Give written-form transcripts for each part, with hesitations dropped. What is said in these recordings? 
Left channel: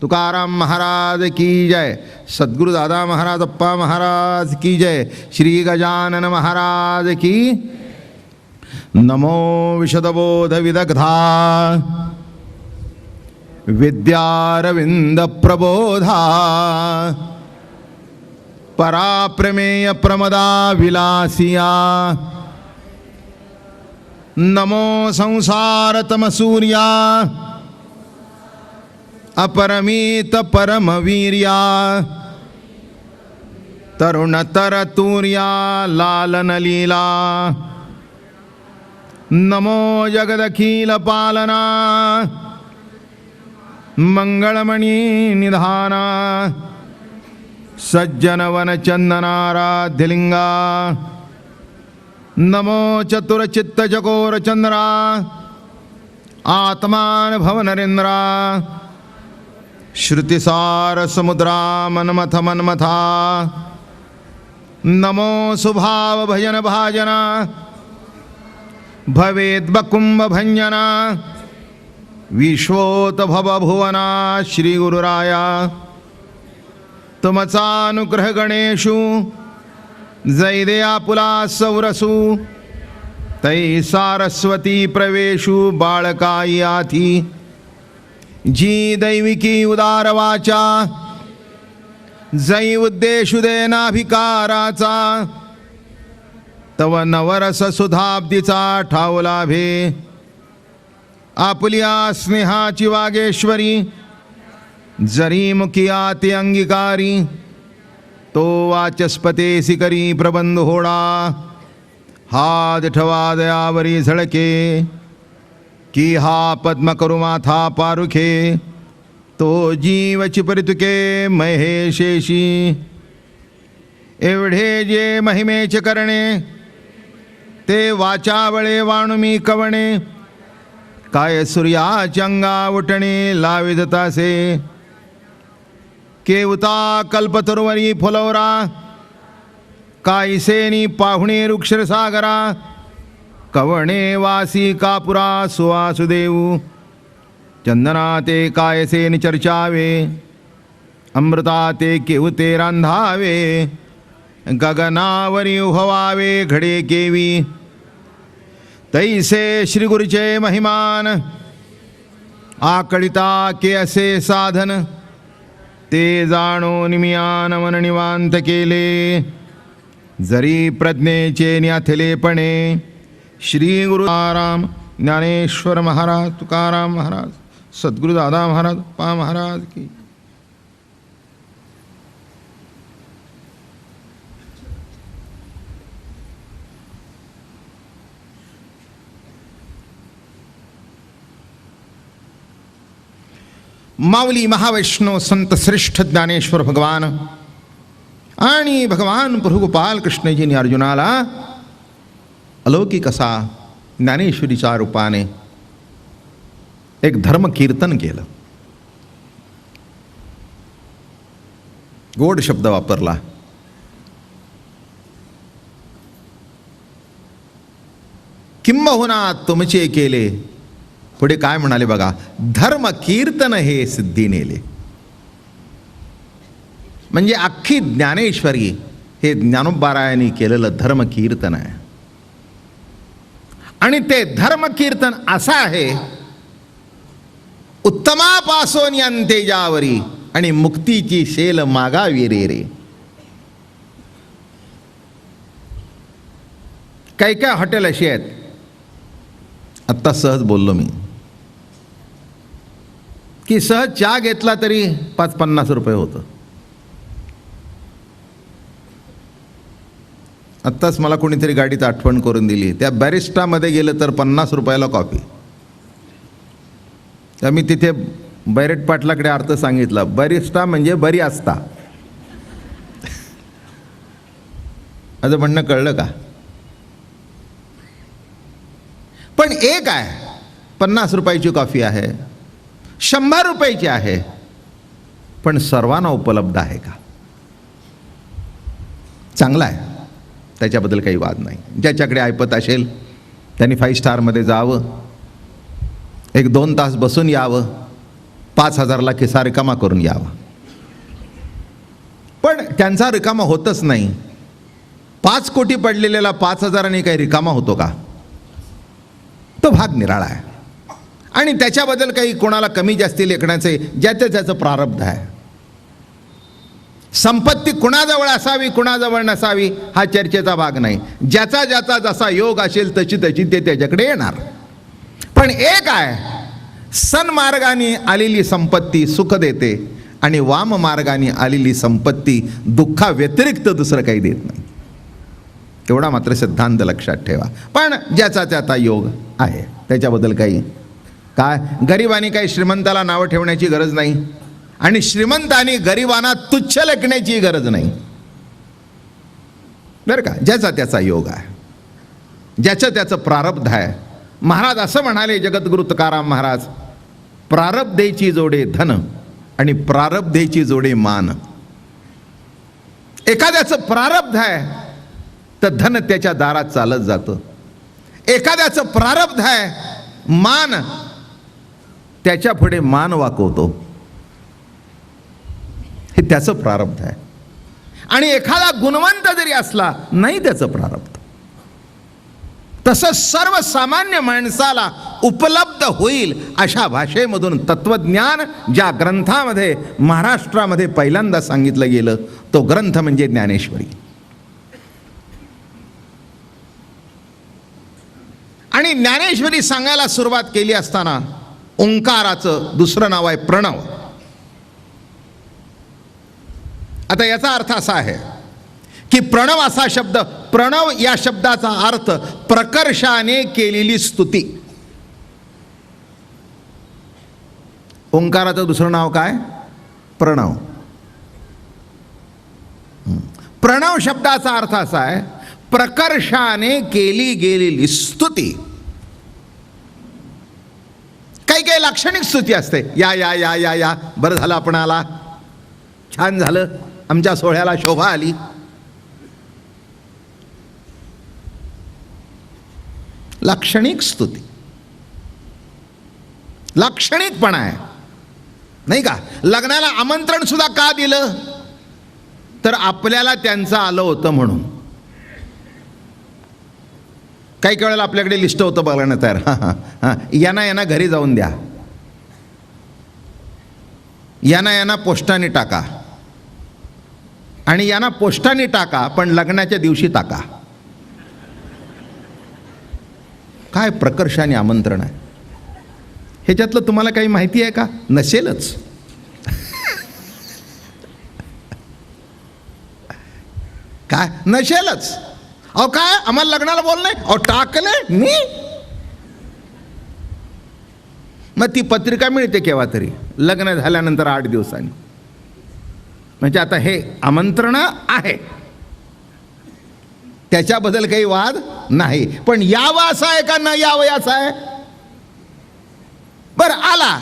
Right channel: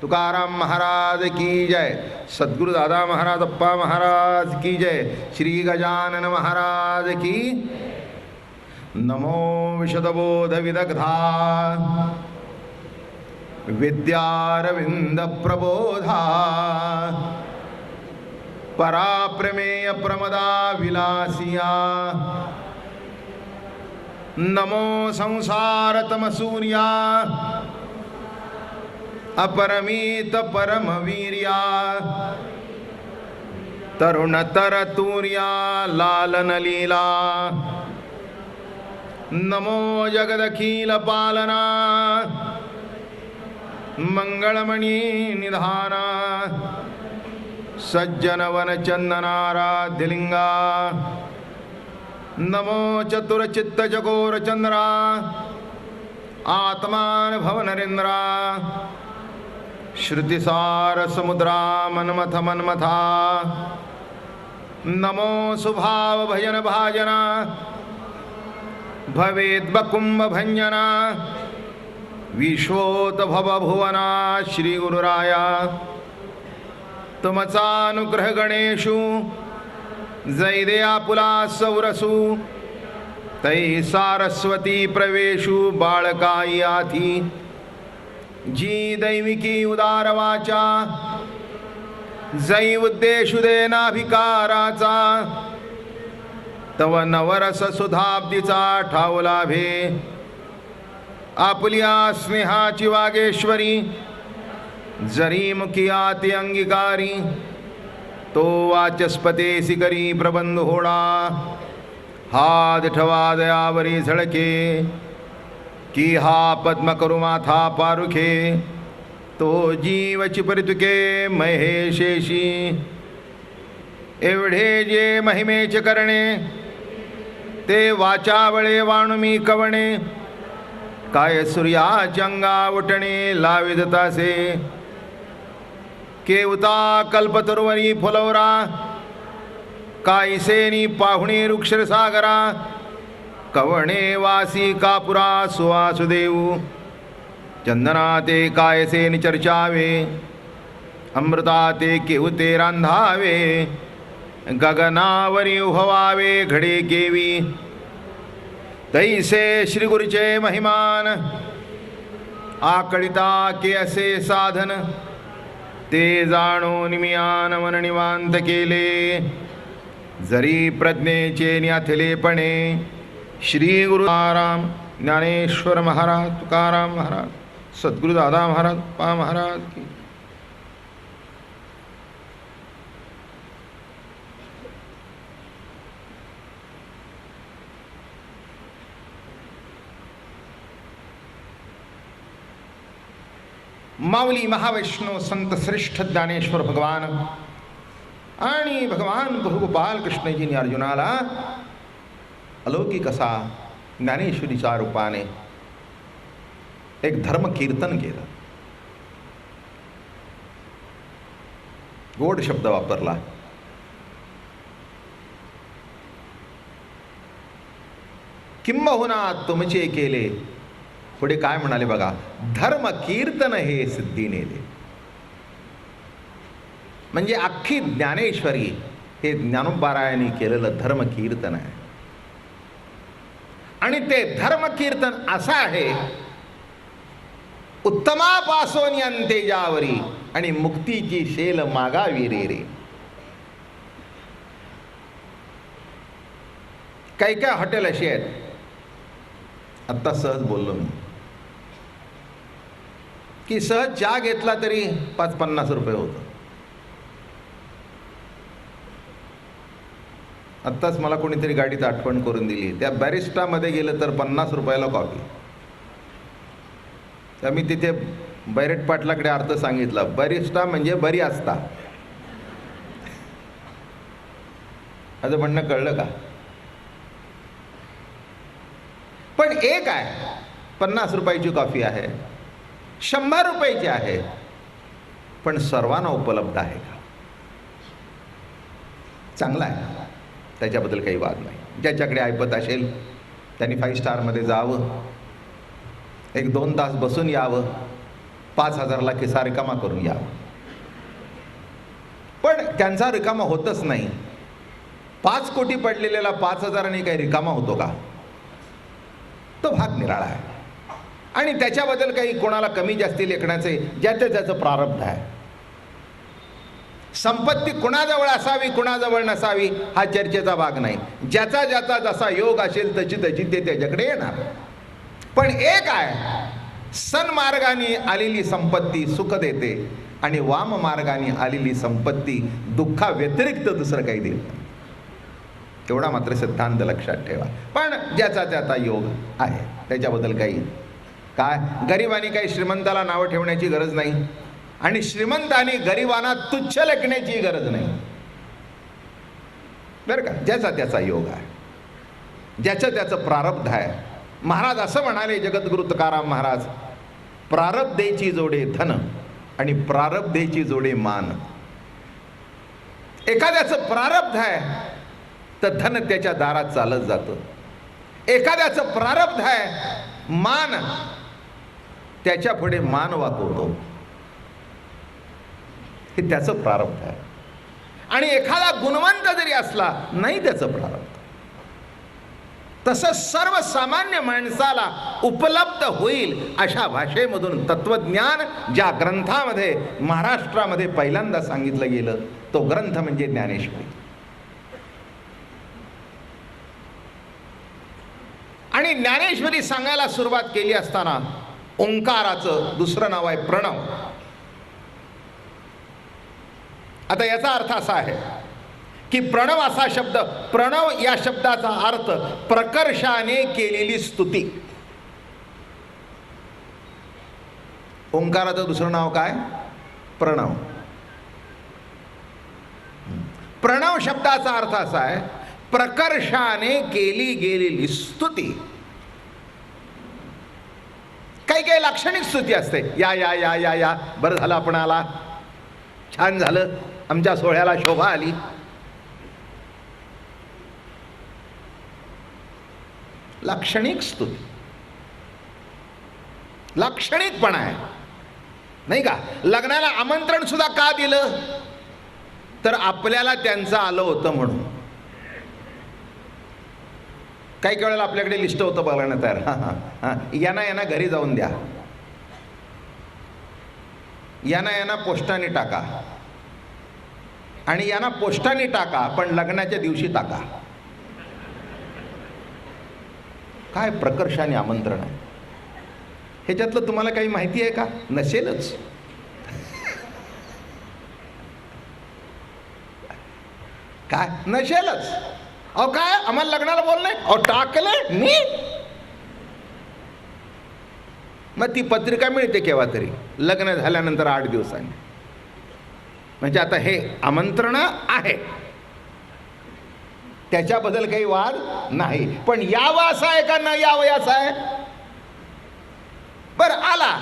तुकाराम महाराज की जय, सद्गुरु दादा महाराज अप्पा महाराज की जय, श्री गजानन महाराज की। नमो विशदबोध विदग्धा विद्यारविंद प्रबोधा, पराप्रमेय प्रमदा विलासिया। नमो संसार तमसूर्या अपरमित परमवीर्या, तरुणतर तूर्या लालन लीला। नमो जगदखिल पालना मंगलमणि निधाना, सज्जन वन चंदनाराध्यलिंगा। नमो चतुरचित्त चकोर चंद्रा, आत्मान भव नरेंद्रा। श्रुतिसार समुद्रा मनमथ मनमथा। नमो सुभाव भजन भाजना, भवेद् बकुंभ भंजना। विश्वोत भव भुवना श्री गुरुराया, तुमचा अनुग्रह गणेशु जैदया पुला सौरसु। तै सारस्वती प्रवेशु बाळकाई आथी, जी दैविकी उदार वाचा जै उद्देशु देनाभिकाराचा। तव नवरस सुधाब्दीचा ठाव लाभे, आपुलिया स्नेहाची वागेश्वरी। जरी मुखिया ते अंगीकारी, तो वाचस्पतेसी करी प्रबंध होडा। हात ठवा दयावरी झळके, की हा पद्म करू माथा पारुखे। तो जीवची परितुके महेशेशी, एवढे जे महिमेचे करणे। ते वाचावळे वाणुमी कवणे, काय सूर्याच्या अंगा उठणे लावित तासे। केवता कल्पतरुवरी फुलवरा, कायसेनी पाहुणे रुक्षसागरा। कवणे वासी कापुरा सुवासुदेऊ, चंदना ते कायसे चर्चावे। अमृता ते केवते रांधावे, गगनावरी उभवावे घडे केवी। तैसे श्री गुरुचे महिमान, आकळिता के असे साधन। ते जाणून मियान मन निवांत केले, जरी प्रज्ञेचे न्याथलेपणे। श्री गुरु राम ज्ञानेश्वर महाराज, तुकाराम महाराज, सद्गुरु दादा महाराज पा महाराज की। माऊली महावैष्णव संत श्रेष्ठ ज्ञानेश्वर भगवान आणि भगवान प्रभू गोपाल कृष्णजींनी अर्जुनाला अलौकिक असा ज्ञानेश्वरीच्या रूपाने एक धर्म कीर्तन केलं. गोड शब्द वापरला. किंबहुना तुमचे केले. पुढे काय म्हणाले बघा, धर्म कीर्तन हे सिद्धी नेले. म्हणजे अख्खी ज्ञानेश्वरी हे ज्ञानोबारायांनी केलेलं धर्म कीर्तन आहे. आणि ते धर्म कीर्तन असं आहे, उत्तमापासून अंतेजावरी आणि मुक्तीची शेल मागावी रे रे. काही काय हॉटेल अशी आहेत, आत्ता सहज बोललो मी, की सहज चहा घेतला तरी 5-50 रुपये होतं. आत्ताच मला कोणीतरी गाडीत आठवण करून दिली, त्या बॅरिस्टामध्ये गेलं तर 50 रुपयाला कॉफी. तर मी तिथे बैरेट पाटलाकडे अर्थ सांगितला, बॅरिस्टा म्हणजे बरी असता. असं म्हणणं कळलं का? पण एक आहे, 50 रुपयाची कॉफी आहे, 100 रुपयाची आहे, पण सर्वांना उपलब्ध आहे का? चांगला आहे, त्याच्याबद्दल काही वाद नाही. ज्याच्याकडे ऐपत असेल त्यांनी 5 स्टारमध्ये जावं, 1-2 तास बसून यावं, 5,000ला खिसा रिकामा करून यावा. पण त्यांचा रिकामा होतच नाही. 5 कोटी पडलेल्याला 5,000 काही रिकामा होतो का? तो भाग निराळा आहे. आणि त्याच्याबद्दल काही कोणाला कमी जास्ती लेखण्याचे ज्याचं त्याचं प्रारब्ध आहे. संपत्ती कुणाजवळ असावी कुणाजवळ नसावी हा चर्चेचा भाग नाही. ज्याचा ज्याचा जसा योग असेल तशी तशी ते त्याच्याकडे येणार. पण एक आहे, सन्मार्गाने आलेली संपत्ती सुख देते आणि वाम मार्गाने आलेली संपत्ती दुःखा व्यतिरिक्त दुसरं काही देत नाही. एवढा मात्र सिद्धांत लक्षात ठेवा. पण ज्याचा त्याचा योग आहे त्याच्याबद्दल काही काय. गरिबांनी काही श्रीमंताला नावं ठेवण्याची गरज नाही आणि श्रीमंतांनी गरिबांना तुच्छ लेखण्याची गरज नाही बरं का. ज्याचा त्याचा योग आहे, ज्याचं त्याचं प्रारब्ध आहे. महाराज असं म्हणाले, जगद्गुरु तुकाराम महाराज, प्रारब्धेची जोडे धन आणि प्रारब्धेची जोडे मान. एखाद्याचं प्रारब्ध आहे तर धन त्याच्या दारात चालत जातं. एखाद्याचं प्रारब्ध आहे मान, त्याच्या पुढे मान वाकवतो. हे त्याचं प्रारब्ध आहे. आणि एखादा गुणवंत जरी असला नाही त्याचं प्रारब्ध. तसं सर्वसामान्य माणसाला उपलब्ध होईल अशा भाषेमधून तत्वज्ञान ज्या ग्रंथामध्ये महाराष्ट्रामध्ये पहिल्यांदा सांगितलं गेलं तो ग्रंथ म्हणजे ज्ञानेश्वरी. आणि ज्ञानेश्वरी सांगायला सुरुवात केली असताना ओंकाराचं दुसरं नाव आहे प्रणव. आता याचा अर्थ असा आहे की प्रणव असा शब्द, प्रणव या शब्दाचा अर्थ प्रकर्षाने केलेली स्तुती. ओंकाराचं दुसरं नाव काय? प्रणव. प्रणव शब्दाचा अर्थ असा आहे प्रकर्षाने केली गेलेली स्तुती. काही काही लाक्षणिक स्तुती असते. या या या या या, बरं झालं आपण आला, छान झालं, आमच्या सोहळ्याला शोभा आली. लाक्षणिक स्तुती, लाक्षणिकपणा आहे नाही का. लग्नाला आमंत्रण सुद्धा का दिलं तर आपल्याला त्यांचं आलं होतं म्हणून. काही काही वेळेला आपल्याकडे लिस्ट होतं बघायला तयार, हां हां हां, यांना यांना घरी जाऊन द्या, यांना यांना पोस्टाने टाका आणि यांना पोस्टाने टाका पण लग्नाच्या दिवशी टाका. काय प्रकर्षाने आमंत्रण आहे. ह्याच्यातलं तुम्हाला काही माहिती आहे का? नसेलच. काय नसेलच. अहो काय आम्हाला लग्नाला बोल नाही, अहो टाकले मी. मग ती पत्रिका मिळते केव्हा तरी लग्न झाल्यानंतर 8 दिवसांनी. म्हणजे आता हे आमंत्रण आहे त्याच्याबद्दल काही वाद नाही. पण यावं असं आहे का न यावं असं आहे. बरं आला.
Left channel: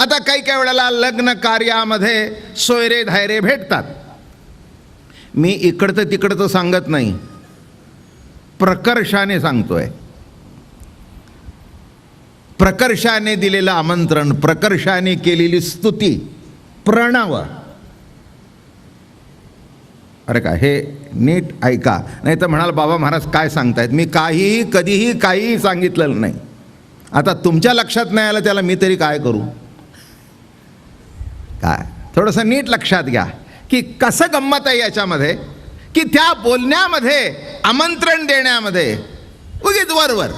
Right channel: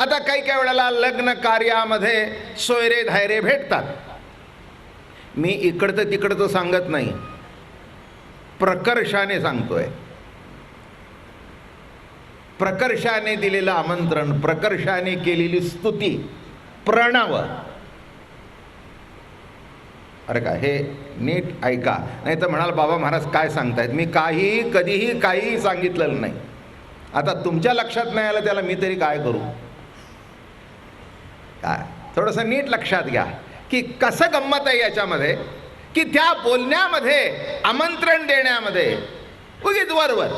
आता काही काही वेळेला लग्न कार्यामध्ये सोयरे धायरे भेटतात. मी इकडचं तिकडचं सांगत नाही, प्रकर्षाने सांगतोय. प्रकर्षाने दिलेलं आमंत्रण, प्रकर्षाने केलेली स्तुती, प्रणव. अरे का हे नीट ऐका, नाही तर म्हणाल बाबा महाराज काय सांगतायत, मी काहीही कधीही काहीही सांगितलेलं नाही. आता तुमच्या लक्षात नाही आलं त्याला मी तरी काय करू. काय थोडंसं नीट लक्षात घ्या की कसं गंमत आहे याच्यामध्ये, की त्या बोलण्यामध्ये आमंत्रण देण्यामध्ये उगीच वरवर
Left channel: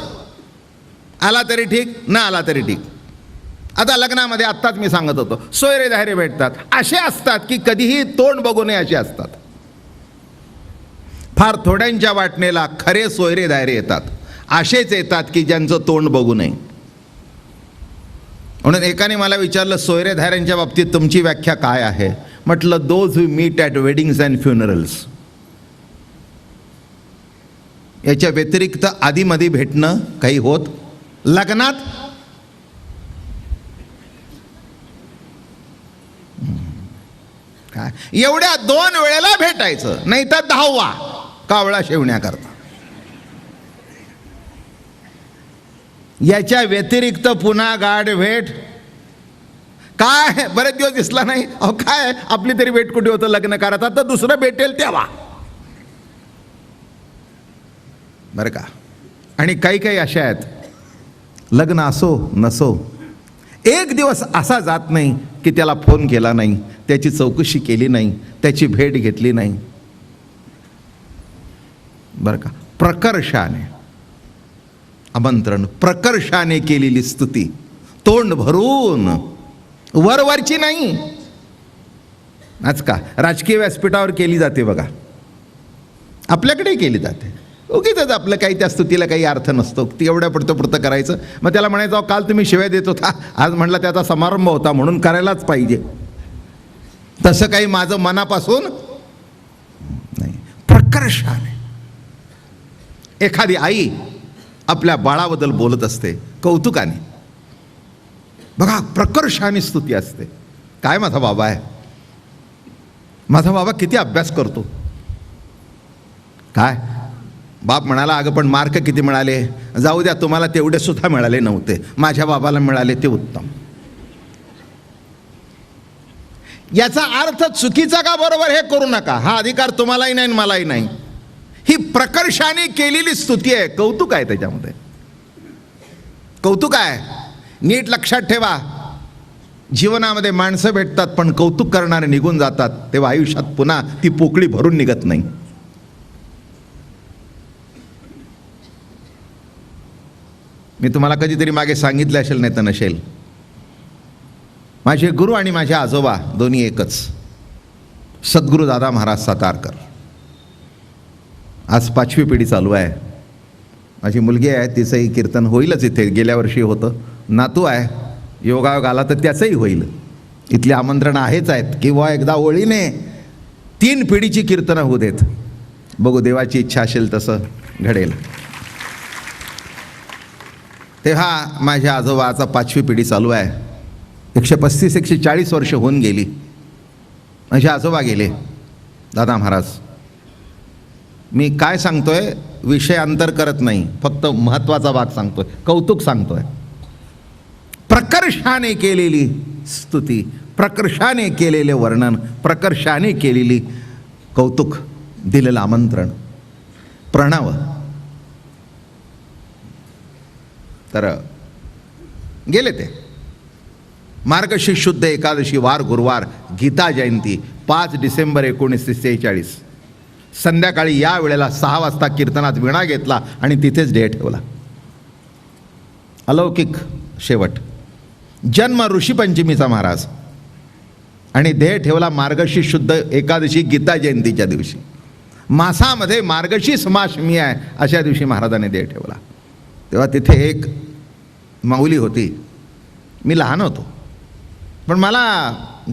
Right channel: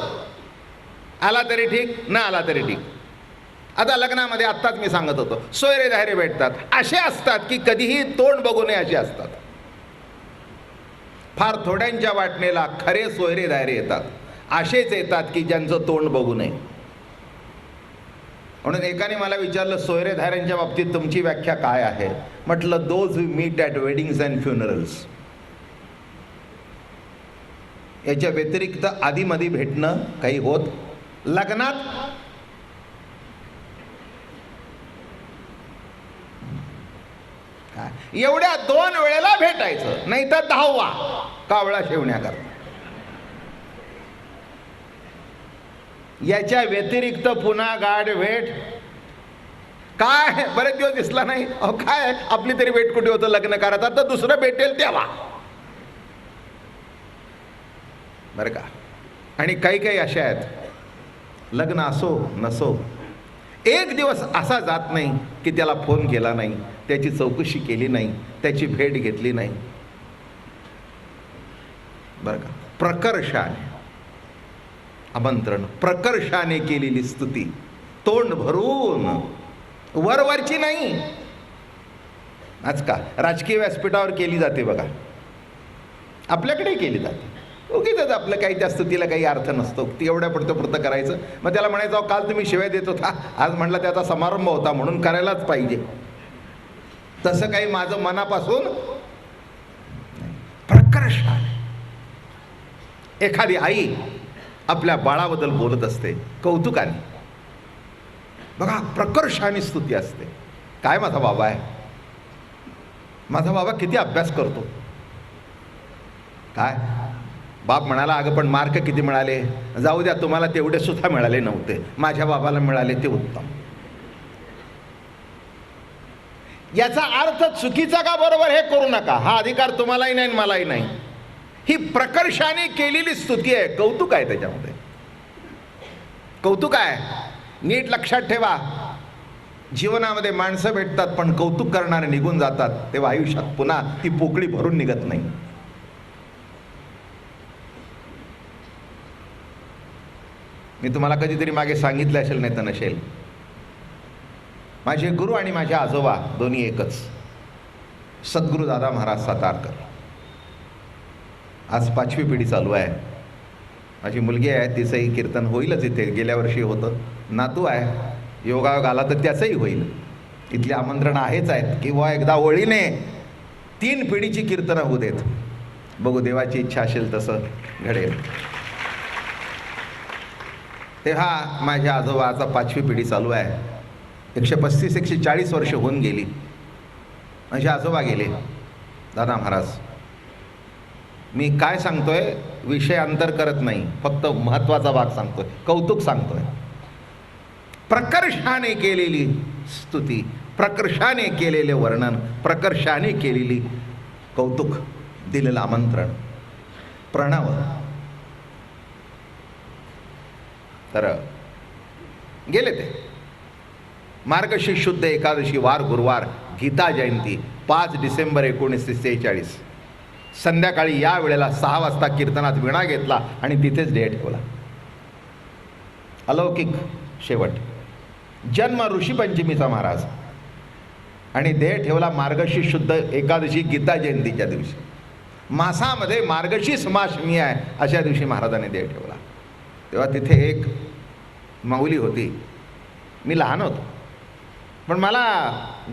आला तरी ठीक, न आला तरी ठीक. आता लग्नामध्ये आत्ताच मी सांगत होतो सोयरे धायरे भेटतात. असे असतात की कधीही तोंड बघू नये असे असतात. फार थोड्यांच्या वाटणेला खरे सोयरे धायरे येतात. असेच येतात की ज्यांचं तोंड बघू नये. म्हणून एकाने मला विचारलं सोयरे धायऱ्यांच्या बाबतीत तुमची व्याख्या काय आहे. म्हटलं those who meet at weddings and funerals. याच्या व्यतिरिक्त आधीमध्ये भेटणं काही होत. लग्नात एवढ्या 2 वेळेला भेटायचं, नाही तर 10वा कावळा शेवण्याकरता. याच्या व्यतिरिक्त पुन्हा गाठ भेट काय बरेच दिवस दिसला नाही, अहो काय आपली तरी भेट कुठे होतं लग्न करत, आता दुसरं भेटेल तेव्हा, बरं का. आणि काही काही अशा आहेत, लग्न असो नसो, एक दिवस असा जात नाही की त्याला फोन केला नाही, त्याची चौकशी केली नाही, त्याची भेट घेतली नाही, बरं का. प्रकर्षाने आमंत्रण, प्रकर्षाने केलेली स्तुती, तोंड भरून, वरवरची नाही. आज का राजकीय व्यासपीठावर केली जाते बघा, आपल्याकडेही केली जाते. उगीच आपलं काही त्या स्तुतीला काही अर्थ नसतो, ती एवढ्या पुरतं करायचं. मग त्याला म्हणायचं काल तुम्ही शिव्या देत होता, आज म्हटलं त्याचा समारंभ होता म्हणून करायलाच पाहिजे. तसं काही माझं मनापासून नाही. प्रकर्षाने एखादी आई आपल्या बाळाबद्दल बोलत असते, कौतुकाने, बघा प्रकर्षाने स्तुती असते. काय माझा बाबा आहे, माझा बाबा किती अभ्यास करतो. काय बाप म्हणाला, अगं पण मार्क किती मिळाले, जाऊ द्या तुम्हाला तेवढे सुद्धा मिळाले नव्हते, माझ्या बाबाला मिळाले ते उत्तम. याचा अर्थ चुकीचा का बरोबर हे करू नका, हा अधिकार तुम्हालाही नाही आणि मलाही नाही. ही प्रकर्षाने केलेली स्तुती आहे, कौतुक आहे त्याच्यामध्ये, कौतुक आहे. नीट लक्षात ठेवा, जीवनामध्ये माणसं भेटतात पण कौतुक करणारे निघून जातात, तेव्हा आयुष्यात पुन्हा ती पोकळी भरून निघत नाही. मी तुम्हाला कधीतरी मागे सांगितलं असेल, नाही तर नसेल, माझे गुरु आणि माझे आजोबा दोन्ही एकच, सद्गुरू दादा महाराज सातारकर. आज 5वी पिढी चालू आहे. माझी मुलगी आहे, तिचंही कीर्तन होईलच इथे, गेल्या वर्षी होतं. नातू आहे, योगायोग आला तर त्याचंही होईल. इथली आमंत्रणं आहेच आहेत, किंवा एकदा ओळीने 3 पिढीची कीर्तनं होऊ देत. बघू, देवाची इच्छा असेल तसं घडेल. तेव्हा माझ्या आजोबाचा 5वी पिढी चालू आहे. 135-140 वर्ष होऊन गेली. माझे आजोबा गेले, दादा महाराज. मी काय सांगतोय, विषय अंतर करत नाही, फक्त महत्त्वाचा भाग सांगतोय, कौतुक सांगतोय. प्रकर्षाने केलेली स्तुती, प्रकर्षाने केलेले वर्णन, प्रकर्षाने केलेली कौतुक, दिलेलं आमंत्रण, प्रणव. तर गेले ते. मार्गशीर्ष शुद्ध एकादशी, वार गुरुवार, गीता जयंती, 5 डिसेंबर 1946. संध्याकाळी या वेळेला 6 वाजता कीर्तनात विणा घेतला आणि तिथेच ध्येय ठेवला. अलौकिक शेवट. जन्म ऋषीपंचमीचा महाराज आणि ध्येय ठेवला मार्गशीर्ष शुद्ध एकादशी, गीता जयंतीच्या दिवशी. मासामध्ये मार्गशीर्ष मासमी आहे अशा दिवशी महाराजांनी ध्येय ठेवला. तेव्हा तिथे एक माऊली होती. मी लहान होतो, पण मला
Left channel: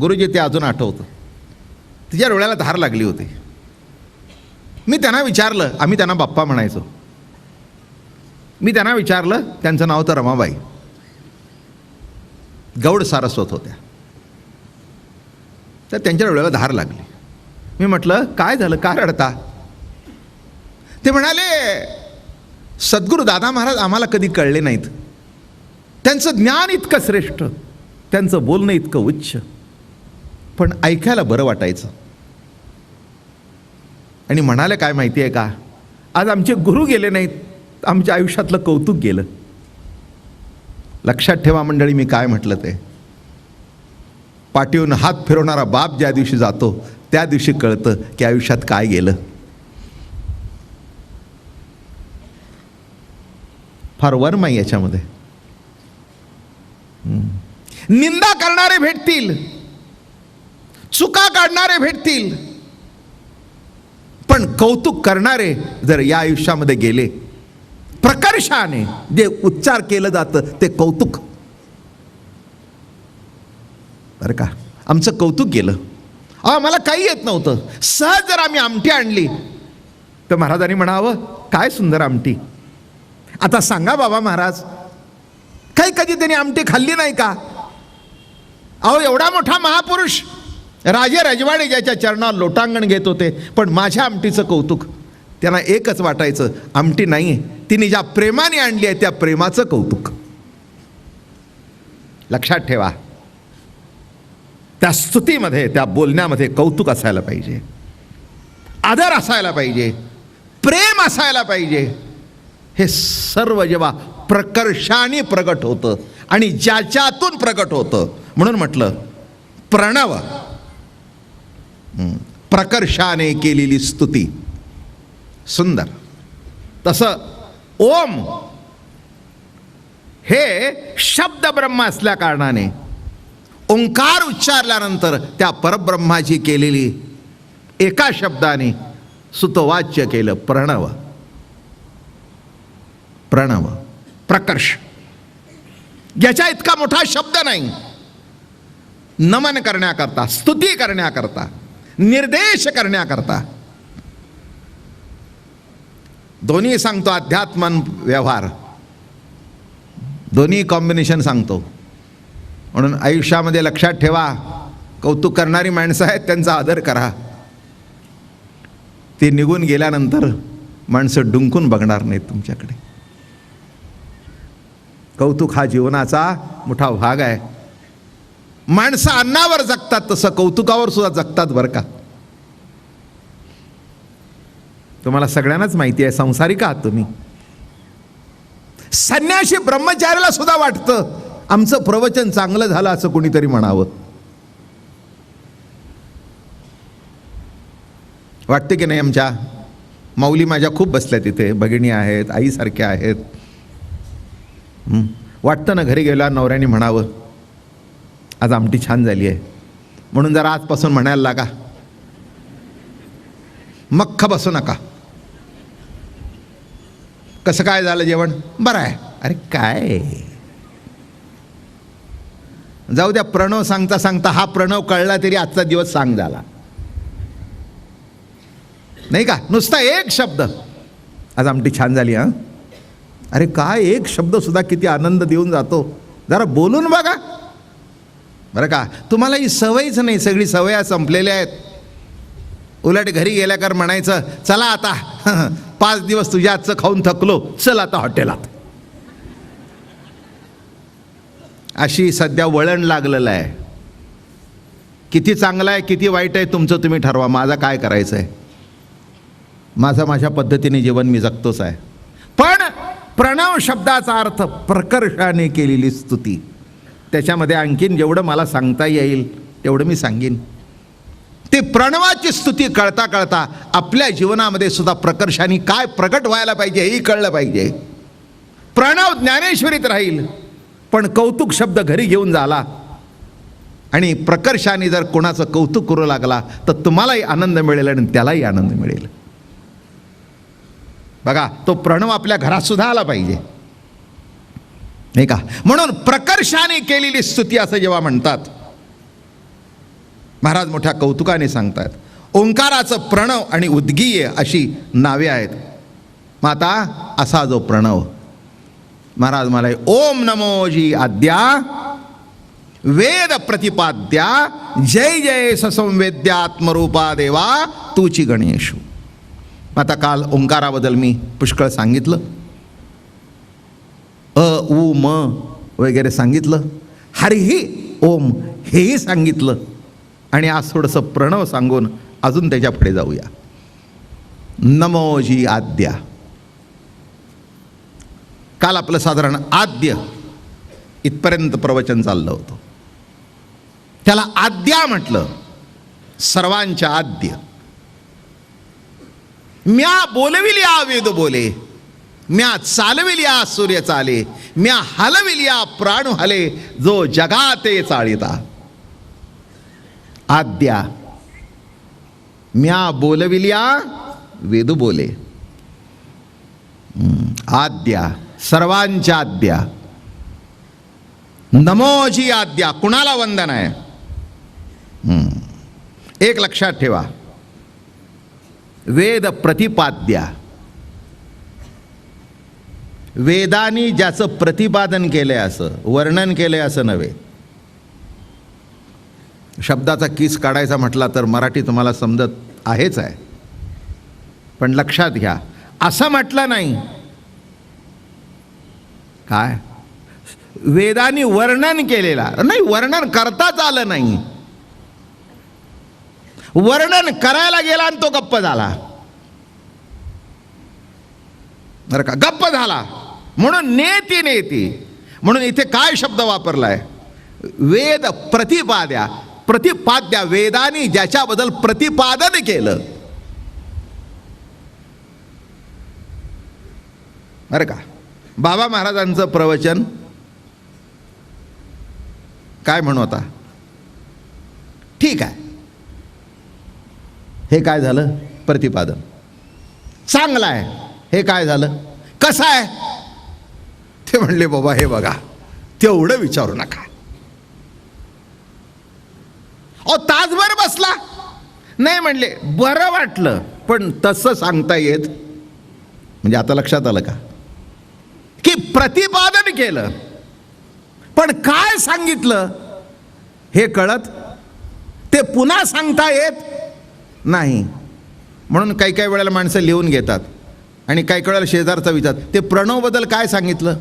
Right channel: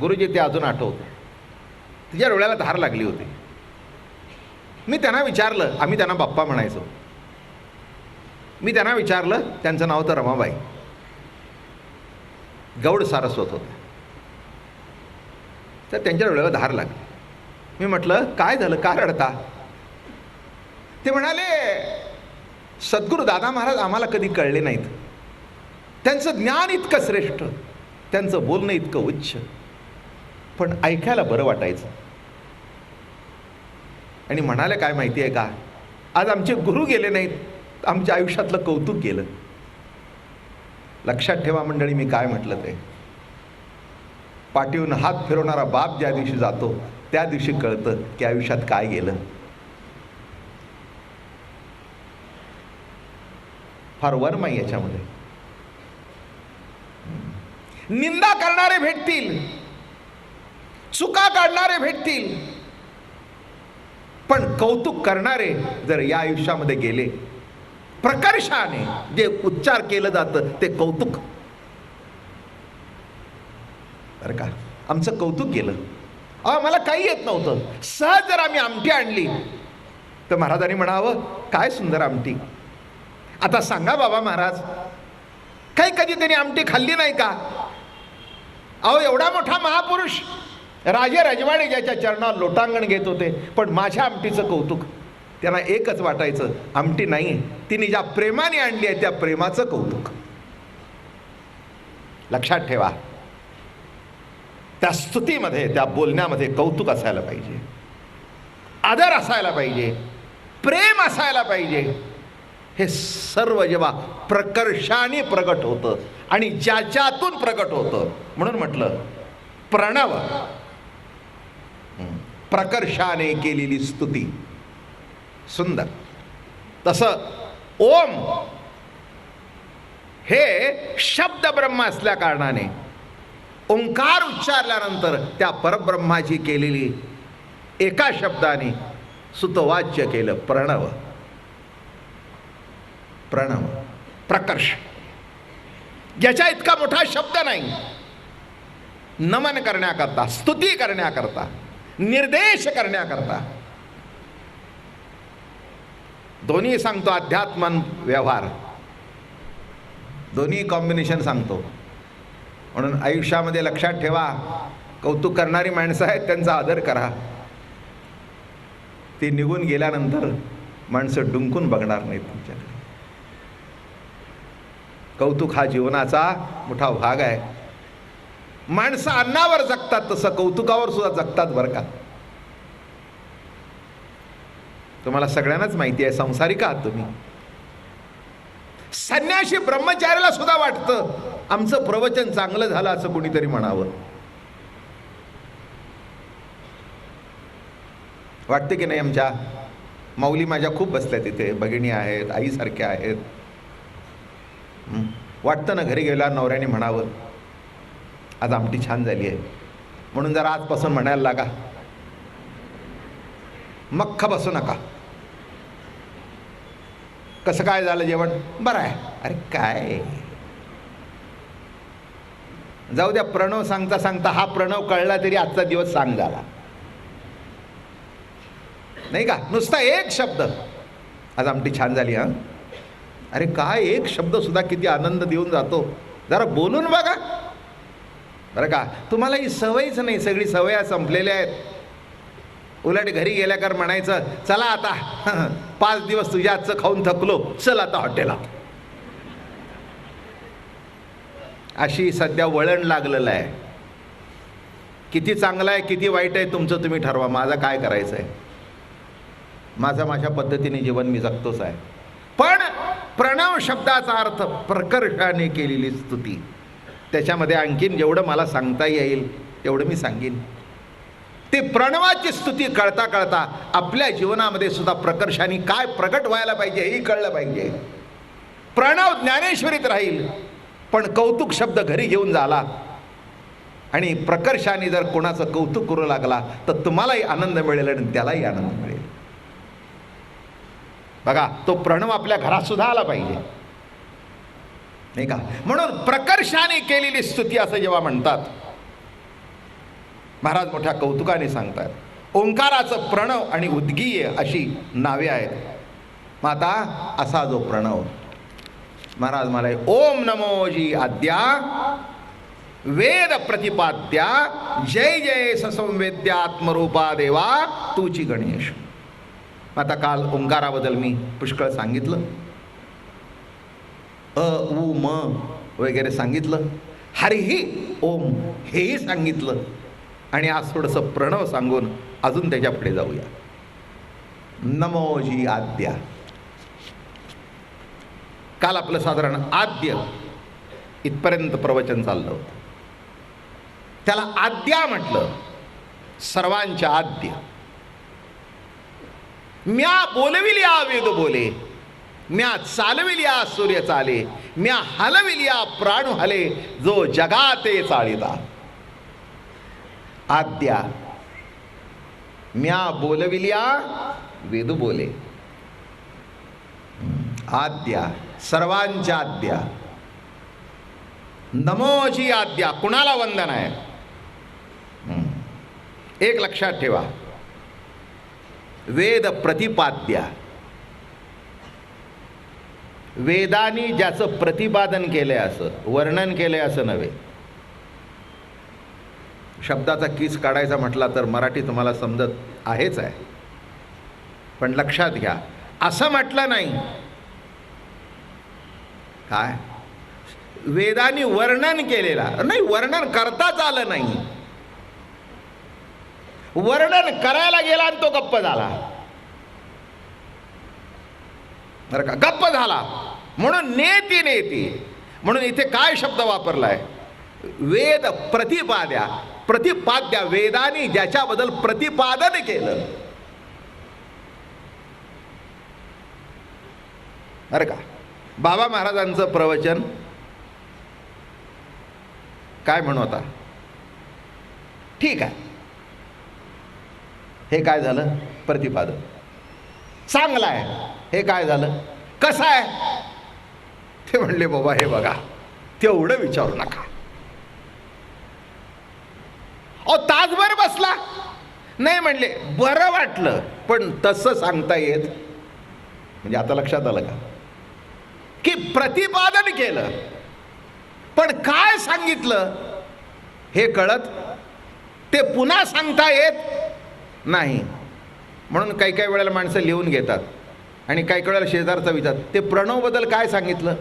गुरुजी ते अजून आठवतं. तिच्या डोळ्याला धार लागली होती. मी त्यांना विचारलं, आम्ही त्यांना बाप्पा म्हणायचो. मी त्यांना विचारलं, त्यांचं नाव तर रमाबाई, गौड सारस्वत होत्या. तर त्यांच्या डोळ्याला धार लागली. मी म्हटलं, काय झालं, का रडता? ते म्हणाले, सद्गुरू दादा महाराज आम्हाला कधी कळले नाहीत. त्यांचं ज्ञान इतकं श्रेष्ठ, त्यांचं बोलणं इतकं उच्च, पण ऐकायला बरं वाटायचं. आणि म्हणाले, काय माहिती आहे का, आज आमचे गुरु गेले नाहीत, आमच्या आयुष्यातलं कौतुक गेलं. लक्षात ठेवा मंडळी, मी काय म्हटलं ते. पाठीवरून हात फिरवणारा बाप ज्या दिवशी जातो त्या दिवशी कळतं की आयुष्यात काय गेलं. फार वर्म आहे याच्यामध्ये. निंदा करणारे भेटतील, चुका काढणारे भेटतील, पण कौतुक करणारे जर या आयुष्यामध्ये गेले, प्रकर्षाने जे उच्चार केलं जातं ते कौतुक. बरं का, आमचं कौतुक गेलं. मला काही येत नव्हतं, सहज जर आम्ही आमटी आणली तर महाराजांनी म्हणावं, काय सुंदर आमटी. आता सांगा बाबा महाराज, काही कधी त्यांनी आमटी खाल्ली नाही का? अहो, एवढा मोठा महापुरुष, राजे रजवाडे ज्याच्या चरणावर लोटांगण घेत होते, पण माझ्या आमटीचं कौतुक. त्यांना एकच वाटायचं, आमटी नाही आहे, तिने ज्या प्रेमाने आणली आहे त्या प्रेमाचं कौतुक. लक्षात ठेवा, त्या स्तुतीमध्ये, त्या बोलण्यामध्ये कौतुक असायला पाहिजे, आदर असायला पाहिजे, प्रेम असायला पाहिजे. हे सर्व जेव्हा प्रकर्षाने प्रगट होतं आणि ज्याच्यातून प्रगट होतं, म्हणून म्हटलं प्रणव, प्रकर्षाने केलेली स्तुती. सुंदर. तसं ओम हे शब्द ब्रह्म असल्या कारणाने ओंकार उच्चारल्यानंतर त्या परब्रह्माची केलेली एका शब्दाने सुतवाच्य केलं प्रणव. प्रणव, प्रकर्ष. याच्या इतका मोठा शब्द नाही. नमन करण्याकरता, स्तुती करण्याकरता, निर्देश करण्याकरता. दोन्ही सांगतो, अध्यात्म व्यवहार दोन्ही कॉम्बिनेशन सांगतो. म्हणून आयुष्यामध्ये लक्षात ठेवा, कौतुक करणारी माणसं आहेत त्यांचा आदर करा. ते निघून गेल्यानंतर माणसं डुंकून बघणार नाहीत तुमच्याकडे. कौतुक हा जीवनाचा मोठा भाग आहे. माणसं अन्नावर जगतात तसं कौतुकावर सुद्धा जगतात बरं का. तुम्हाला सगळ्यांनाच माहिती आहे, संसारिक आहात तुम्ही. संन्यासी ब्रह्मचार्याला सुद्धा वाटतं आमचं प्रवचन चांगलं झालं असं कोणीतरी म्हणावं. वाटते की नाही? आमच्या माऊली माझ्या खूप बसल्या तिथे, भगिनी आहेत, आईसारख्या आहेत. वाटतं ना घरी गेला नवऱ्याने म्हणावं आज आमटी छान झाली आहे, म्हणून जरा आजपासून म्हणायला लागा. मख्ख बसू नका. कसं काय झालं जेवण? बरं आहे. अरे काय, जाऊ द्या. प्रणव सांगता सांगता हा प्रणव कळला तरी आजचा दिवस सांग झाला नाही का? नुसता एक शब्द, आज आमटी छान झाली. हां, अरे काय, एक शब्द सुद्धा किती आनंद देऊन जातो. जरा बोलून बघा बरं का. तुम्हाला ही सवयच नाही, सगळी सवया संपलेल्या आहेत. उलट घरी गेल्याकर म्हणायचं चला आता 5 दिवस तुझ्या हातचं खाऊन थकलो, चल आता हॉटेलात. अशी सध्या वळण लागलेलं आहे. किती चांगलं आहे किती वाईट आहे तुमचं तुम्ही ठरवा. माझं काय करायचं आहे, माझं माझ्या पद्धतीने जीवन मी जगतोच आहे. पण प्रणव शब्दाचा अर्थ प्रकर्षाने केलेली स्तुती. त्याच्यामध्ये आणखीन जेवढं मला सांगता येईल तेवढं मी सांगेन. ते प्रणवाची स्तुती कळता कळता आपल्या जीवनामध्ये सुद्धा प्रकर्षाने काय प्रगट व्हायला पाहिजे हेही कळलं पाहिजे. प्रणव ज्ञानेश्वरीत राहील, पण कौतुक शब्द घरी घेऊन झाला आणि प्रकर्षाने जर कोणाचं कौतुक करू लागला तर तुम्हालाही आनंद मिळेल आणि त्यालाही आनंद मिळेल. बघा, तो प्रणव आपल्या घरात सुद्धा आला पाहिजे नाही का. म्हणून प्रकर्षाने केलेली स्तुती असं जेव्हा म्हणतात, महाराज मोठ्या कौतुकाने सांगतात. ओंकाराचं प्रणव आणि उद्गीय अशी नावे आहेत. मग आता असा जो प्रणव, महाराज मला ओम नमो जी आद्या वेद प्रतिपाद्या जय जय ससंवेद्यात्मरूपा देवा तूची गणेशू. आता काल ओंकाराबद्दल मी पुष्कळ सांगितलं, अ उ म वगैरे सांगितलं, हरिही ओम हेही सांगितलं, आणि आज थोडंसं प्रणव सांगून अजून त्याच्या पुढे जाऊया. नमोजी आद्या. काल आपलं साधारण आद्य इथपर्यंत प्रवचन चाललं होतं. त्याला आद्या म्हटलं, सर्वांच्या आद्य. म्या बोलविल्या वेद बोले, म्या चालविल्या सूर्य चाले, म्या हलविल्या प्राणू हले, जो जगाते चाळिता. आद्या. म्या बोलविल्या वेद बोले. आद्या, सर्वांच्या आद्या. नमोजी आद्या. कुणाला वंदन आहे? एक लक्षात ठेवा, वेद प्रतिपाद्या. वेदानी ज्याचं प्रतिपादन केलंय असं, वर्णन केलंय असं नव्हे. शब्दाचा किस काढायचा म्हटला तर मराठी तुम्हाला समजत आहेच आहे, पण लक्षात घ्या, असं म्हटलं नाही. काय वेदानी वर्णन केलेला नाही, वर्णन करताच आलं नाही. वर्णन करायला गेला आणि तो गप्प झाला. बरं का, गप्प झाला. म्हणून नेती नेती, म्हणून इथे काय शब्द वापरलाय? वेद प्रतिपाद्या. प्रतिपाद्या, वेदानी ज्याच्याबद्दल प्रतिपादन केलं. बरं का, बाबा महाराजांचं प्रवचन काय म्हणू आता? ठीक आहे, हे काय झालं? प्रतिपादन. चांगलं आहे. हे काय झालं? कसं आहे? ते म्हणले बाबा हे बघा, तेवढं विचारू नका. ओ तासभर बसला नाही, म्हणले बरं वाटलं, पण तसं सांगता येत. म्हणजे आता लक्षात आलं का की प्रतिपादन केलं पण काय सांगितलं हे कळत, ते पुन्हा सांगता येत नाही. म्हणून काही काही वेळेला माणसं लिहून घेतात आणि काही वेळेला शेजारचा विचारतात, ते प्रणवबद्दल काय सांगितलं?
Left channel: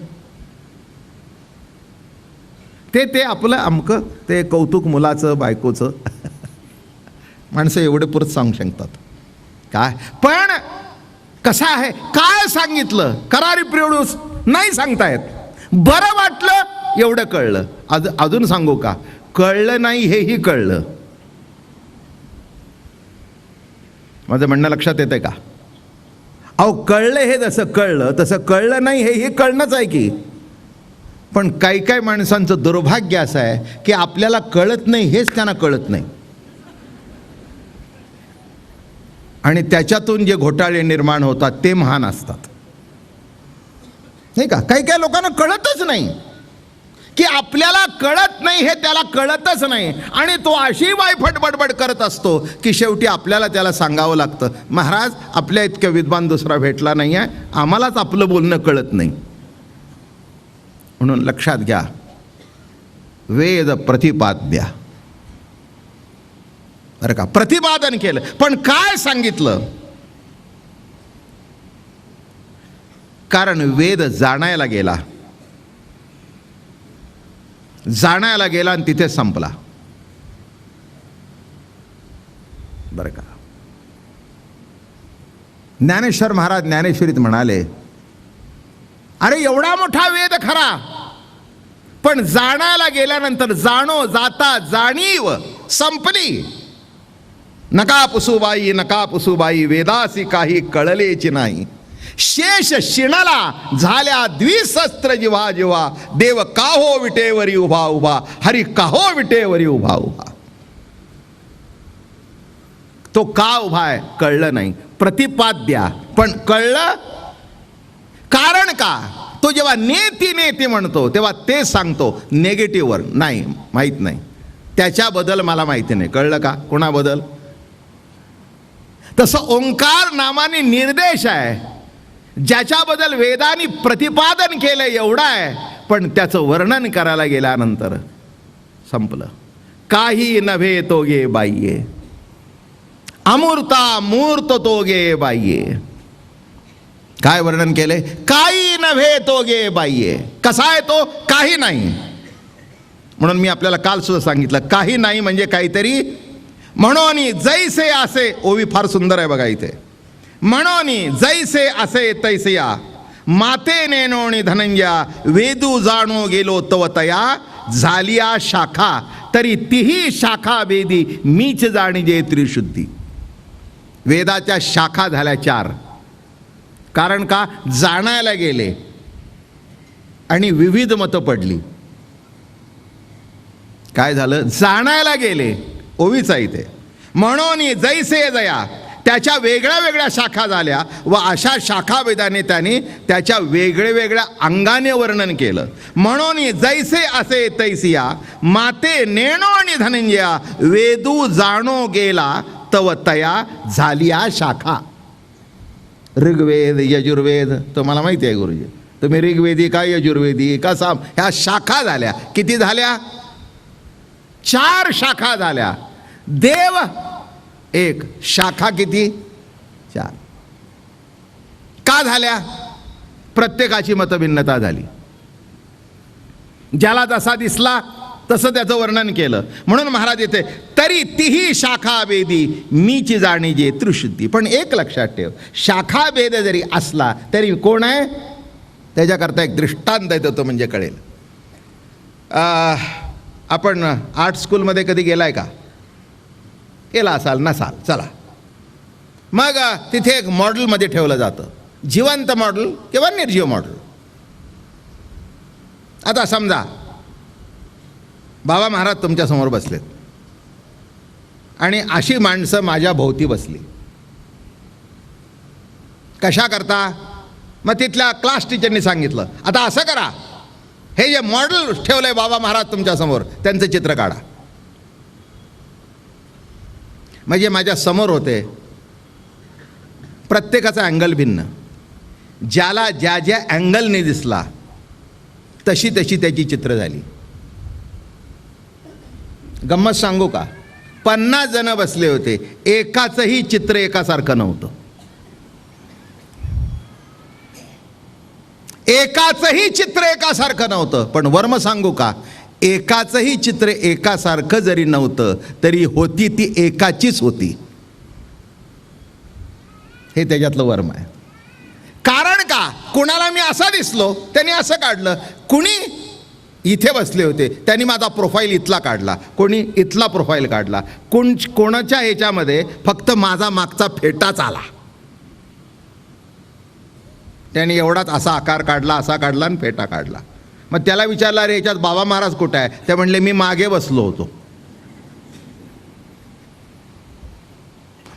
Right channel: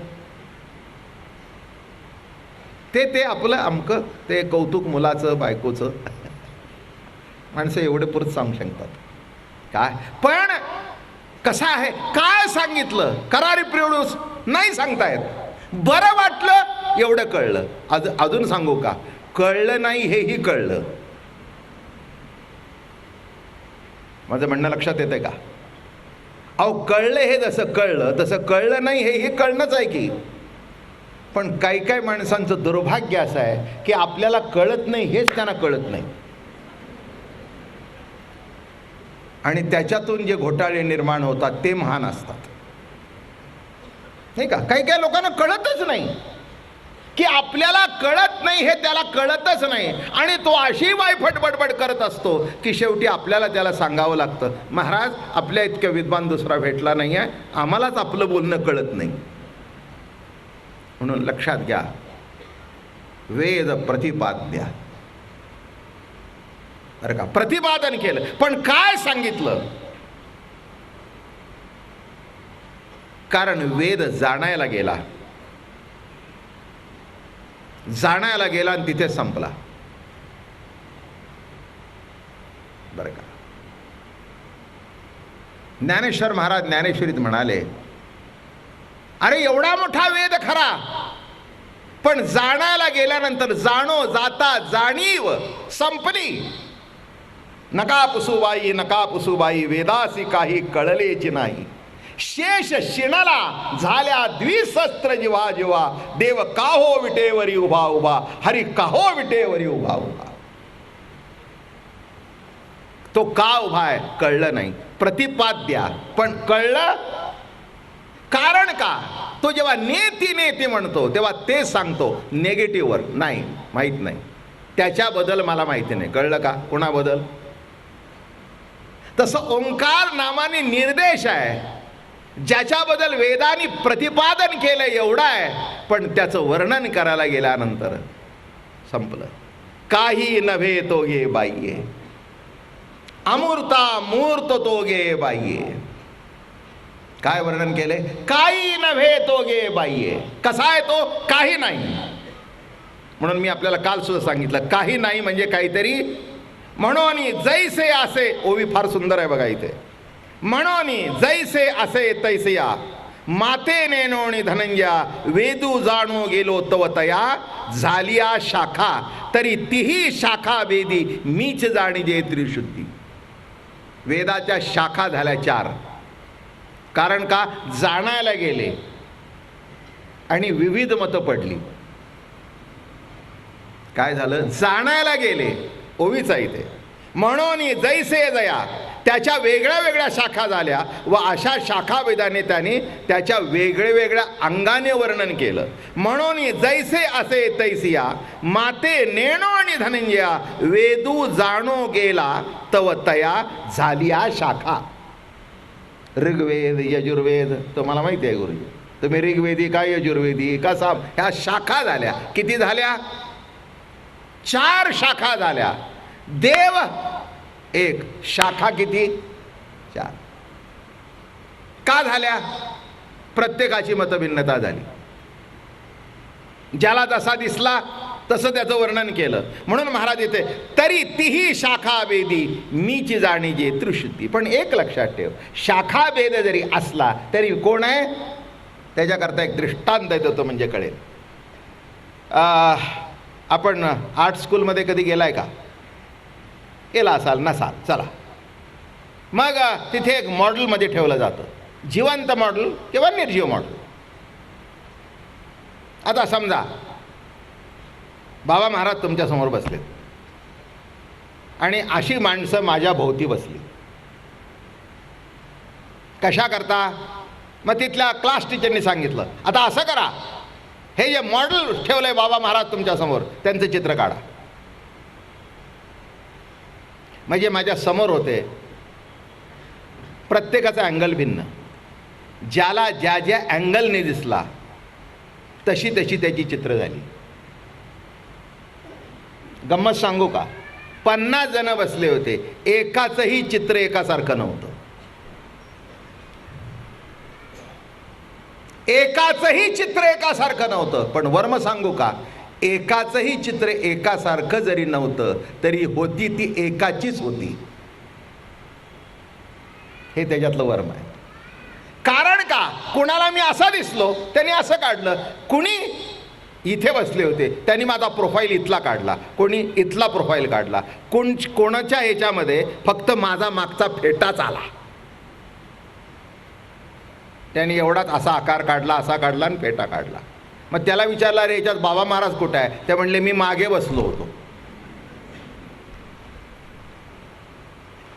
ते आपलं अमकं, ते कौतुक मुलाचं बायकोचं. माणसं एवढे पुरत सांगू शकतात काय, पण कसं आहे, काय सांगितलं? करारी प्रियोडूस नाही सांगतायत. बरं वाटलं एवढं कळलं. अजून सांगू का? कळलं नाही हेही कळलं. माझं म्हणणं लक्षात येतंय का? अहो कळलं हे जसं कळलं तसं कळलं नाही हेही कळणंच आहे की. पण काही काही माणसांचं दुर्भाग्य असं आहे की आपल्याला कळत नाही हेच त्यांना कळत नाही, आणि त्याच्यातून जे घोटाळे निर्माण होतात ते महान असतात. हे का, काही काही लोकांना कळतच नाही की आपल्याला कळत नाही हे त्याला कळतच नाही, आणि तो अशी वायफट बडबड करत असतो की शेवटी आपल्याला त्याला सांगावं लागतं, महाराज आपल्या इतक्या विद्वान दुसरा भेटला नाही आहे, आम्हालाच आपलं बोलणं कळत नाही. म्हणून लक्षात घ्या, वेद प्रतिपाद्या. बरं का, प्रतिपादन केलं पण काय सांगितलं? कारण वेद जाणायला गेला आणि तिथे संपला. बरं का, ज्ञानेश्वर महाराज ज्ञानेश्वरीत म्हणाले, अरे एवढा मोठा वेद खरा, पण जाणायला गेल्यानंतर जाणो जाता जाणीव संपली. नका पुसुबाई वेदासी काही कळलेची नाही. शेष शिणाला झाल्या द्विशस्त्र जिव्हा जिव्हा, देव काहो विटेवरी उभा उभा, हरी काहो विटेवरी उभा उभा. तो का उभा आहे कळलं नाही. प्रतिपाद्या, पण कळलं. कारण का? तो जेव्हा नेती नेती म्हणतो तेव्हा ते सांगतो नेगेटिव्हवर नाही, माहीत नाही, त्याच्याबद्दल मला माहिती नाही. कळलं का? कोणाबद्दल? तसं ओंकार नामाने निर्देश आहे, ज्याच्याबद्दल वेदांनी प्रतिपादन केलं एवढं आहे, पण त्याचं वर्णन करायला गेल्यानंतर संपलं. काही नव्हे तो गे बाह्ये, अमूर्ता मूर्त तो गे बाह्ये. काय वर्णन केले? काही नव्हे तो गे बाह्ये. कसा आहे तो? काही नाही. म्हणून मी आपल्याला काल सुद्धा सांगितलं, काही नाही म्हणजे काहीतरी. म्हणून जैसे असे, ओवी फार सुंदर आहे बघा इथे. म्हणून जैसे असे तैसया, माते नेनोणी धनंजया, वेदू जाणो गेलो तव तया, झालिया शाखा तरी तीही शाखा वेदी, मीच जाणीजे त्रिशुद्धी. वेदाच्या शाखा झाल्या 4. कारण का? जाणायला गेले आणि विविध मतं पडली. काय झालं? जाणायला गेले, ओवीचा इथे. म्हणून जैसे जया, त्याच्या वेगळ्या वेगळ्या शाखा झाल्या, व अशा शाखा वेदाने त्याने त्याच्या वेगळ्या अंगाने वर्णन केलं. म्हणून जैसे असे तैसिया, माते नेणो आणि धनंजया, वेदू जाणो गेला तव तया, झालिया शाखा. ऋग्वेद यजुर्वेद तुम्हाला माहिती आहे गुरुजी, तुम्ही ऋग्वेदी का यजुर्वेदी का साम, ह्या शाखा झाल्या. किती झाल्या? 4 शाखा झाल्या. देव 1, शाखा किती? 4. का झाल्या? प्रत्येकाची मतभिन्नता झाली. ज्याला जसा दिसला तसं त्याचं वर्णन केलं. म्हणून महाराज येते तरी तीही शाखा भेदी मीची जाणी जे त्रिशुद्धी. पण एक लक्षात ठेव, शाखा भेद जरी असला तरी कोण आहे त्याच्याकरता एक दृष्टांत देतो, तो म्हणजे कळेल. आपण आर्ट स्कूलमध्ये कधी गेलाय का? गेला असाल, नसाल, चला. मग तिथे एक मॉडेलमध्ये ठेवलं जातं, जिवंत मॉडेल किंवा निर्जीव मॉडेल. आता समजा बाबा महाराज तुमच्यासमोर बसलेत आणि अशी माणसं माझ्या भोवती बसली. कशा करता? मग तिथल्या क्लास टीचरनी सांगितलं आता असं करा, हे जे मॉडेल ठेवलंय बाबा महाराज तुमच्यासमोर त्यांचं चित्र काढा. म्हणजे माझ्या समोर होते, प्रत्येकाचा अँगल भिन्न, ज्याला ज्या ज्या अँगलने दिसला तशी तशी त्याची चित्र झाली. गंमत सांगू का? 50 जण बसले होते, एकाचंही चित्र एकासारखं नव्हतं. एकाचंही चित्र एकासारखं नव्हतं. पण वर्म सांगू का? एकाचंही चित्र एकासारखं जरी नव्हतं तरी होती ती एकाचीच होती. हे त्याच्यातलं वर्म आहे. कारण का? कुणाला मी असा दिसलो त्यांनी असं काढलं, कुणी इथे बसले होते त्यांनी माझा प्रोफाईल इथला काढला, कोणी इथला प्रोफाईल काढला, कोणाच्या ह्याच्यामध्ये फक्त माझा मागचा फेटाच आला, त्यांनी एवढाच असा आकार काढला, असा काढला आणि फेटा काढला. मग त्याला विचारलं अरे ह्याच्यात बाबा महाराज कुठे आहे? ते म्हणले मी मागे बसलो होतो.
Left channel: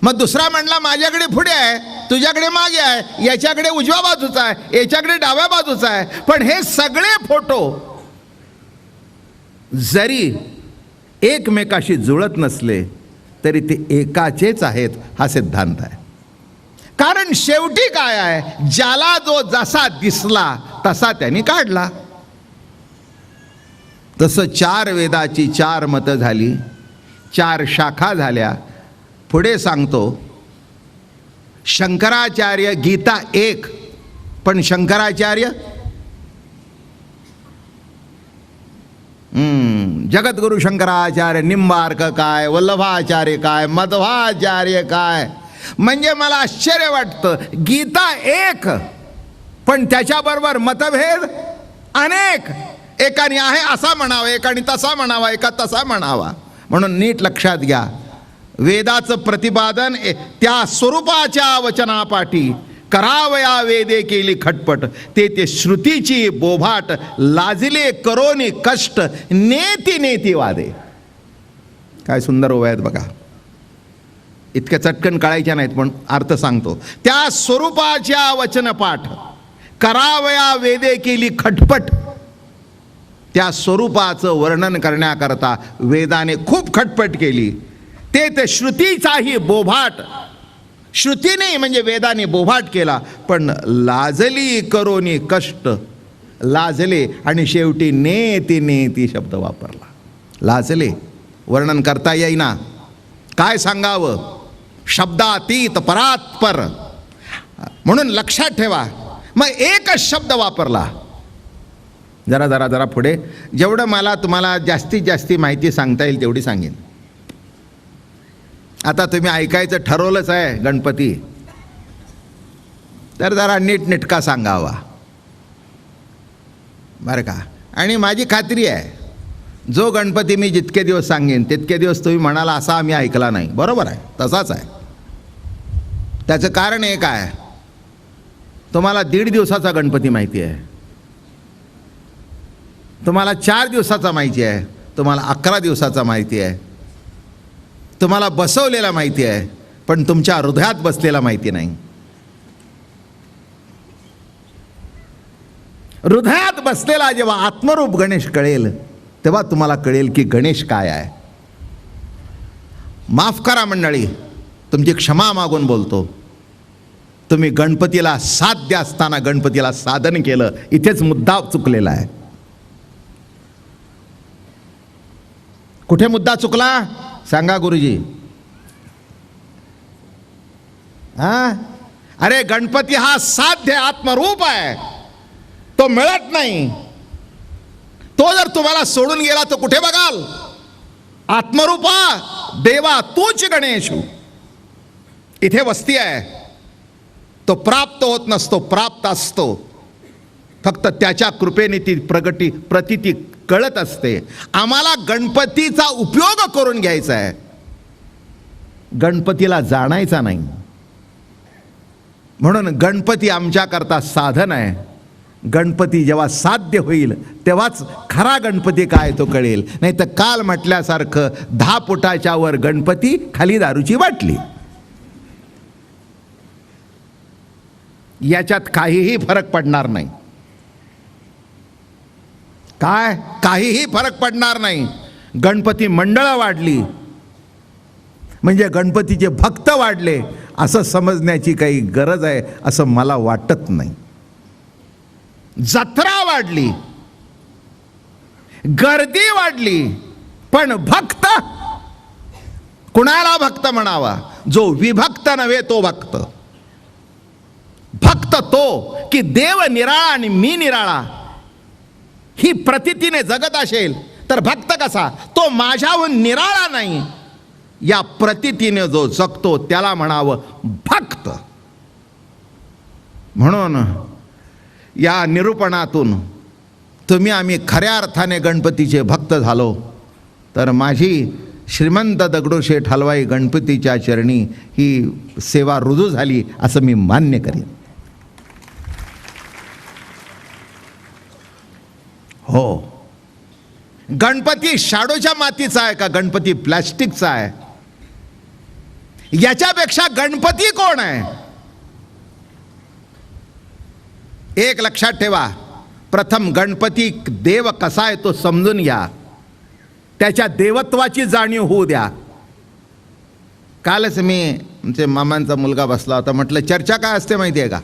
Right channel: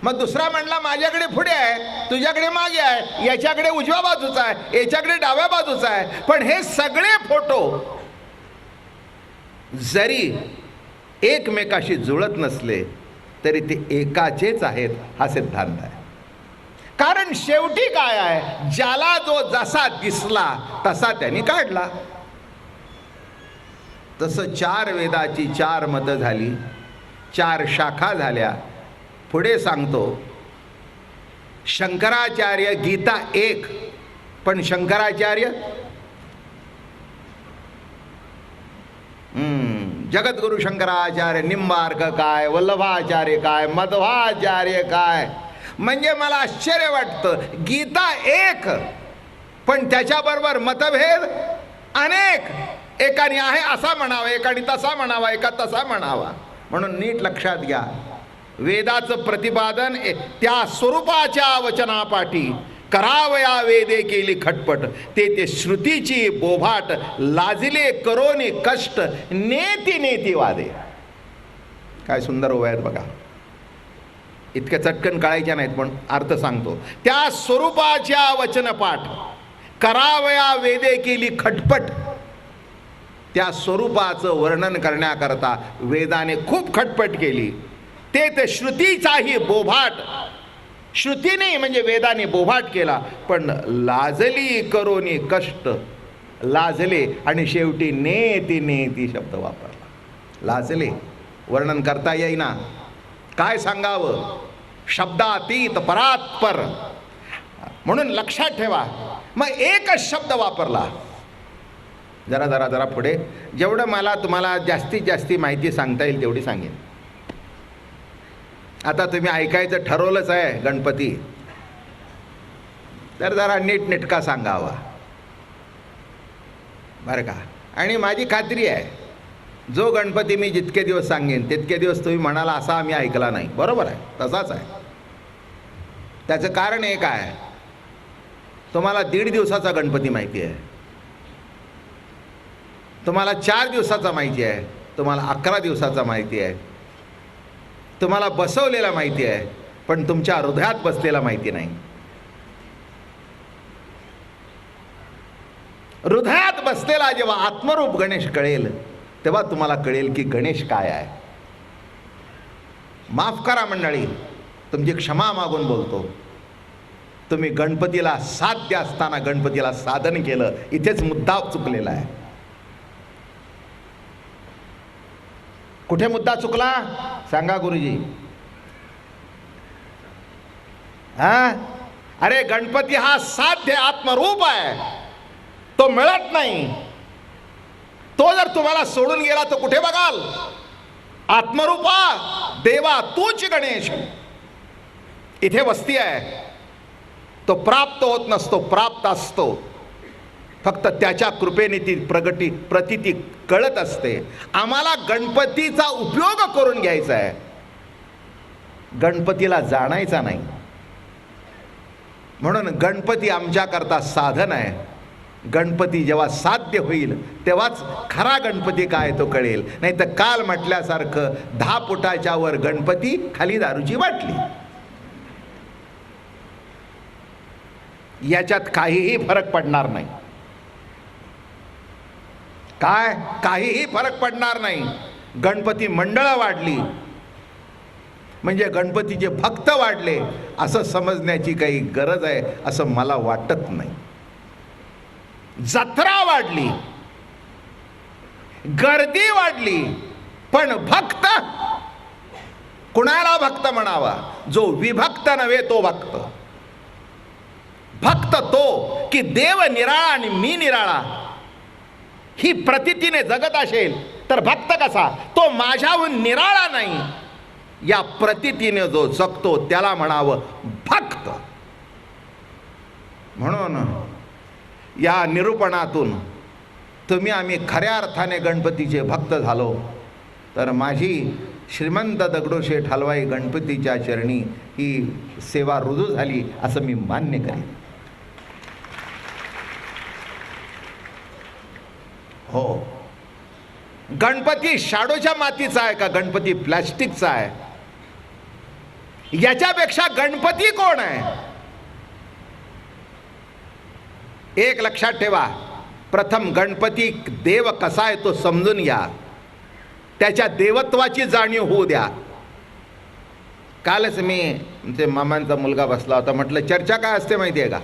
मग दुसरा म्हणला माझ्याकडे पुढे आहे, तुझ्याकडे मागे आहे, याच्याकडे उजव्या बाजूचा आहे, याच्याकडे डाव्या बाजूचा आहे. पण हे सगळे फोटो जरी एकमेकाशी जुळत नसले तरी ते एकाचेच आहेत, हा सिद्धांत आहे. कारण शेवटी काय आहे, ज्याला जो जसा दिसला तसा त्यांनी काढला. तसं 4 वेदाची 4 मतं झाली, 4 शाखा झाल्या. पुढे सांगतो, शंकराचार्य गीता 1, पण शंकराचार्य जगद्गुरु शंकराचार्य, निंबार्क काय, वल्लभाचार्य काय, मध्वाचार्य काय. म्हणजे मला आश्चर्य वाटतं, गीता 1 पण त्याच्याबरोबर मतभेद अनेक. एकाने आहे असा म्हणावा, एकाने तसा म्हणावा, एका तसा म्हणावा. म्हणून नीट लक्षात घ्या, वेदाचं प्रतिपादन त्या स्वरूपाच्या वचनापाठी करावया वेदे केली खटपट. ते श्रुतीची बोभाट लाजले करोनी कष्ट नेती नेती वादे. काय सुंदर ओव्या आहेत बघा. इतक्या चटकन कळायच्या नाहीत पण अर्थ सांगतो. त्या स्वरूपाच्या वचनपाठ करावया वेदे केली खटपट. त्या स्वरूपाचं वर्णन करण्याकरता वेदाने खूप खटपट केली. ते श्रुतीचाही बोभाट, श्रुतीने म्हणजे वेदाने बोभाट केला. पण लाजली करोनी कष्ट, लाजले आणि शेवटी नेती नेती शब्द वापरला. लाजले, वर्णन करता येईना, काय सांगावं, शब्दातीत परात्पर. म्हणून लक्षात ठेवा, मग एकच शब्द वापरला. जरा जरा जरा पुढे, जेवढं मला तुम्हाला जास्तीत जास्ती माहिती सांगता येईल तेवढी सांगेन. आता तुम्ही ऐकायचं ठरवलंच आहे गणपती, तर जरा नीटनेटका सांगावा बरं का. आणि माझी खात्री आहे, जो गणपती मी जितके दिवस सांगेन तितके दिवस तुम्ही म्हणाला असा आम्ही ऐकला नाही. बरोबर आहे, तसाच आहे. त्याचं कारण एक आहे, तुम्हाला 1.5 दिवसाचा गणपती माहिती आहे, तुम्हाला 4 दिवसाचा माहिती आहे, तुम्हाला 11 दिवसाचा माहिती आहे, तुम्हाला बसवलेला माहिती आहे, पण तुमच्या हृदयात बसलेला माहिती नाही. हृदयात बसलेला जेव्हा आत्मरूप गणेश कळेल तेव्हा तुम्हाला कळेल की गणेश काय आहे. माफ करा मंडळी, तुमची क्षमा मागून बोलतो. तुम्ही गणपतीला साध्य असताना गणपतीला साधन केलं, इथेच मुद्दा चुकलेला आहे. कुठे मुद्दा चुकला सांगा गुरुजी. अरे गणपती हा साध्य आत्मरूप आहे, तो मिळत नाही. तो जर तुम्हाला सोडून गेला तर कुठे बघाल? आत्मरूपा देवा तूच गणेश. इथे वस्ती आहे. तो प्राप्त होत नसतो, प्राप्त असतो. फक्त त्याच्या कृपेने ती प्रतीती कळत असते. आम्हाला गणपतीचा उपयोग करून घ्यायचा आहे, गणपतीला जाणायचा नाही. म्हणून गणपती आमच्याकरता साधन आहे. गणपती जेव्हा साध्य होईल तेव्हाच खरा गणपती काय तो कळेल. नाही तर काल म्हटल्यासारखं 10 फुटाच्या वर गणपती, खाली दारूची बाटली. याच्यात काहीही फरक पडणार नाही. काय? काहीही फरक पडणार नाही. गणपती मंडळं वाढली म्हणजे गणपतीचे भक्त वाढले असं समजण्याची काही गरज आहे असं मला वाटत नाही. जत्रा वाढली, गर्दी वाढली, पण भक्त, कुणाला भक्त म्हणावा? जो विभक्त नव्हे तो भक्त. भक्त तो की देव निराळा आणि मी निराळा ही प्रतीतीने जगत असेल तर भक्त कसा? तो माझ्याहून निराळा नाही या प्रतीतीने जो जगतो त्याला म्हणावं भक्त. म्हणून या निरूपणातून तुम्ही आम्ही खऱ्या अर्थाने गणपतीचे भक्त झालो तर माझी श्रीमंत दगडूशेठ हलवाई गणपतीच्या चरणी ही सेवा रुजू झाली असं मी मान्य करीन. हो, गणपती शाडूच्या मातीचा आहे का गणपती प्लॅस्टिकचा आहे? याच्यापेक्षा गणपती कोण आहे? एक लक्षात ठेवा. प्रथम गणपती देव कसा आहे तो समजून घ्या, त्याच्या देवत्वाची जाणीव होऊ द्या. कालच मी आमचे मामांचा मुलगा बसला होता, म्हटलं चर्चा काय असते माहिती आहे का?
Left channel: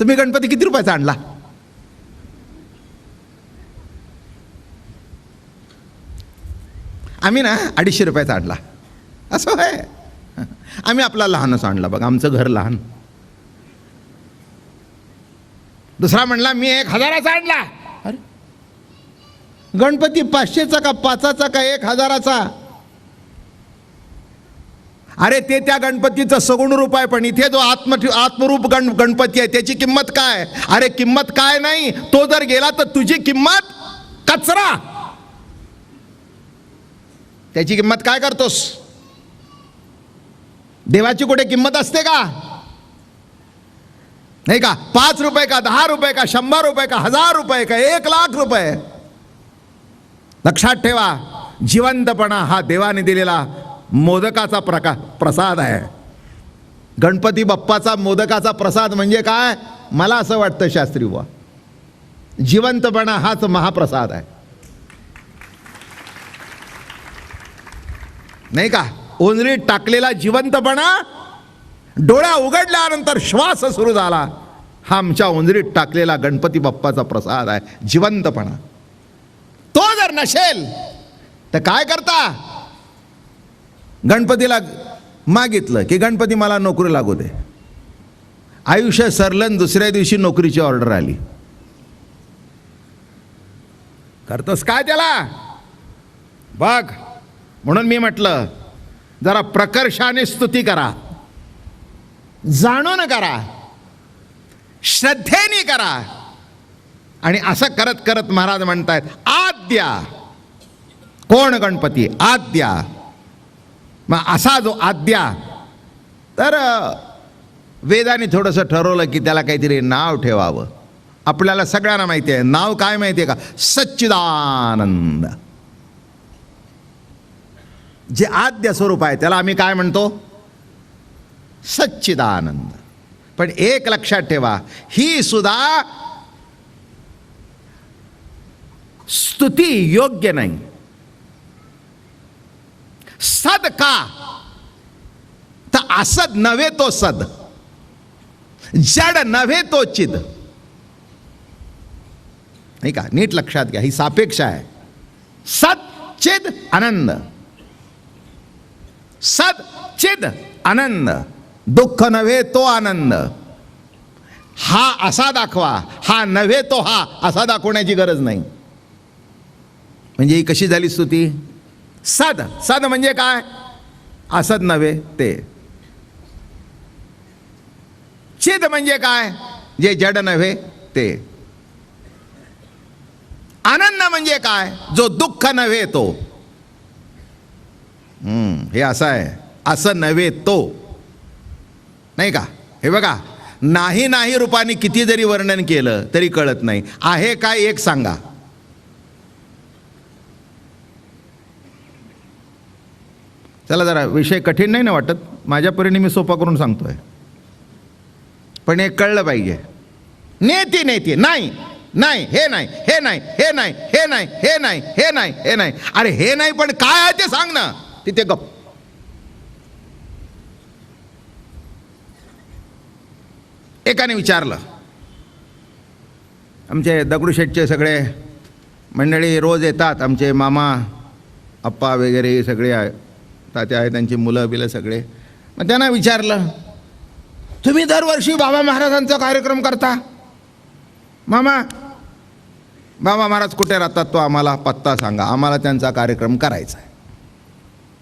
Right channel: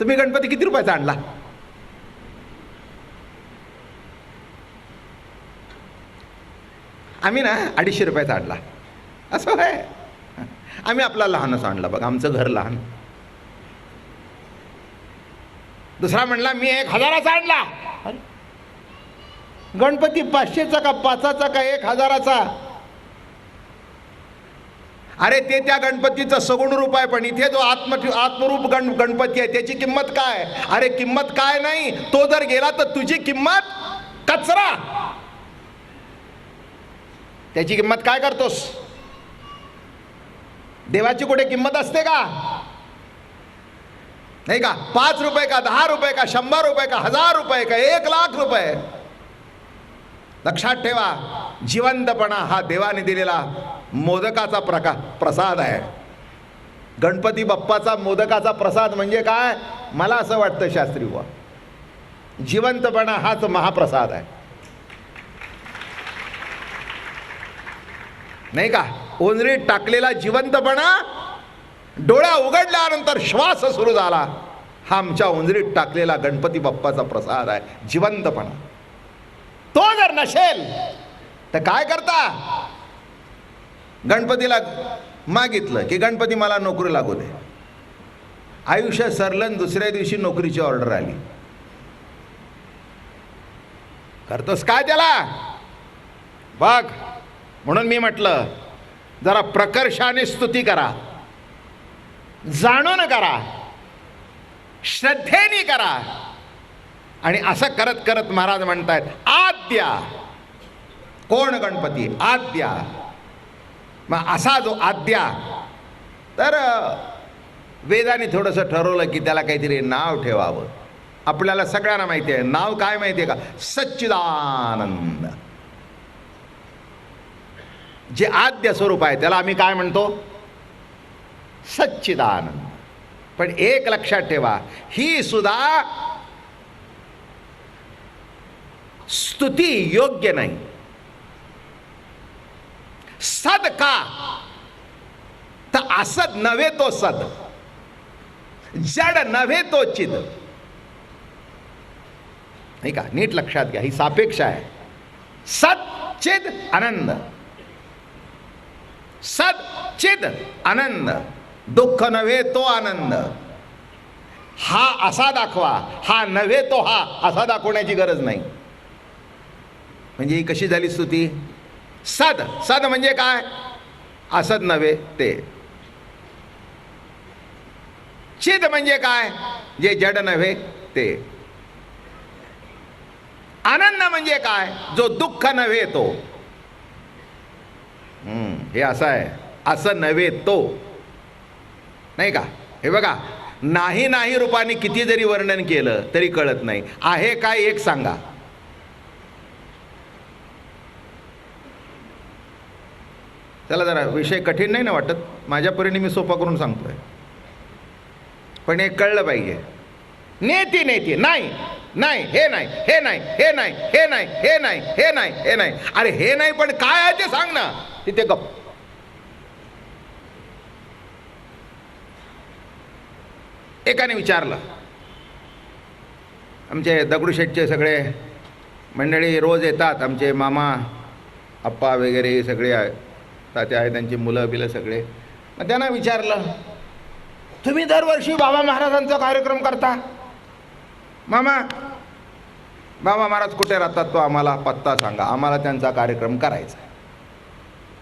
तुम्ही गणपती किती रुपयाचा आणला? आम्ही ना 250 रुपयाचा आणला. असं आहे. आम्ही आपला लहानच आणला बघा, आमचं घर लहान. दुसरा म्हणला मी 1000चा आणला. अरे गणपती 500चा का 5चा का 1000चा? अरे ते त्या गणपतीचं सगुण रूप आहे, पण इथे जो आत्मरूप गणपती आहे त्याची किंमत काय? अरे किंमत काय नाही, तो जर गेला तर तुझी किंमत कचरा. त्याची किंमत काय करतोस? देवाची कुठे किंमत असते का? नाही का? 5 रुपये का 10 रुपये का 100 रुपये का 1000 रुपये का 1,00,000 रुपये? लक्षात ठेवा, जिवंतपणा हा देवाने दिलेला मोदकाचा प्रसाद आहे. गणपती बाप्पाचा मोदकाचा प्रसाद म्हणजे काय? मला असं वाटतं शास्त्री बुवा, जिवंतपणा हाच महाप्रसाद आहे. नाही का? ओंजळीत टाकलेला जिवंतपणा, डोळ्या उघडल्यानंतर श्वास सुरू झाला, हा आमच्या ओंजळीत टाकलेला गणपती बाप्पाचा प्रसाद आहे, जिवंतपणा. तो जर नसेल तर काय करता? गणपतीला मागितलं की गणपती मला नोकरी लागू दे. आयुष्य सरलं, दुसऱ्या दिवशी नोकरीची ऑर्डर आली. करतोस काय त्याला? बघ, म्हणून मी म्हटलं जरा प्रकर्षाने स्तुती करा, जाणून करा, श्रद्धेने करा. आणि असं करत करत महाराज म्हणतायत आद्या. कोण? गणपती आद्या. मग असा जो आद्या, तर वेदाने थोडंसं ठरवलं की त्याला काहीतरी नाव ठेवावं. आपल्याला सगळ्यांना माहिती आहे नाव काय माहिती आहे का? सच्चिदानंद. जे आद्य स्वरूप आहे त्याला आम्ही काय म्हणतो? सच्चिदानंद. पण एक लक्षात ठेवा, ही सुद्धा स्तुती योग्य नाही. सद का? तर असद नव्हे तो सद, जड नव्हे तो चिद. नाही का? नीट लक्षात घ्या, ही सापेक्ष आहे. सद चिद आनंद, सद चिद आनंद. दुःख नव्हे तो आनंद. हा असा दाखवा, हा नव्हे तो हा, असा दाखवण्याची गरज नाही. म्हणजे ही कशी झाली स्तुती? सद. सद म्हणजे काय? असद नव्हे ते. चिद म्हणजे काय? जे जड नव्हे ते. आनंद म्हणजे काय? जो दुःख नव्हे तो. हे असं आहे, असं नव्हे तो, नाही का? हे बघा, नाही नाही रूपाने किती जरी वर्णन केलं तरी कळत नाही. आहे काय एक सांगा. चला जरा विषय कठीण नाही ना वाटत, माझ्या परीने मी सोपा करून सांगतोय, पण एक कळलं पाहिजे. नेती नेती नाही नाही, हे नाही, हे नाही, हे नाही, हे नाही, हे नाही, हे नाही, हे नाही. अरे हे नाही पण काय आहे ते सांग ना. तिथे गप. एकाने विचारलं, आमचे दगडूशेठचे सगळे मंडळी रोज येतात, आमचे मामा आप्पा वगैरे सगळे तात्या आहे, त्यांची मुलं बिलं सगळे. मग त्यांना विचारलं, तुम्ही दरवर्षी बाबा महाराजांचा कार्यक्रम करता. मामा, बाबा महाराज कुठे राहतात तो आम्हाला पत्ता सांगा, आम्हाला त्यांचा कार्यक्रम करायचा आहे.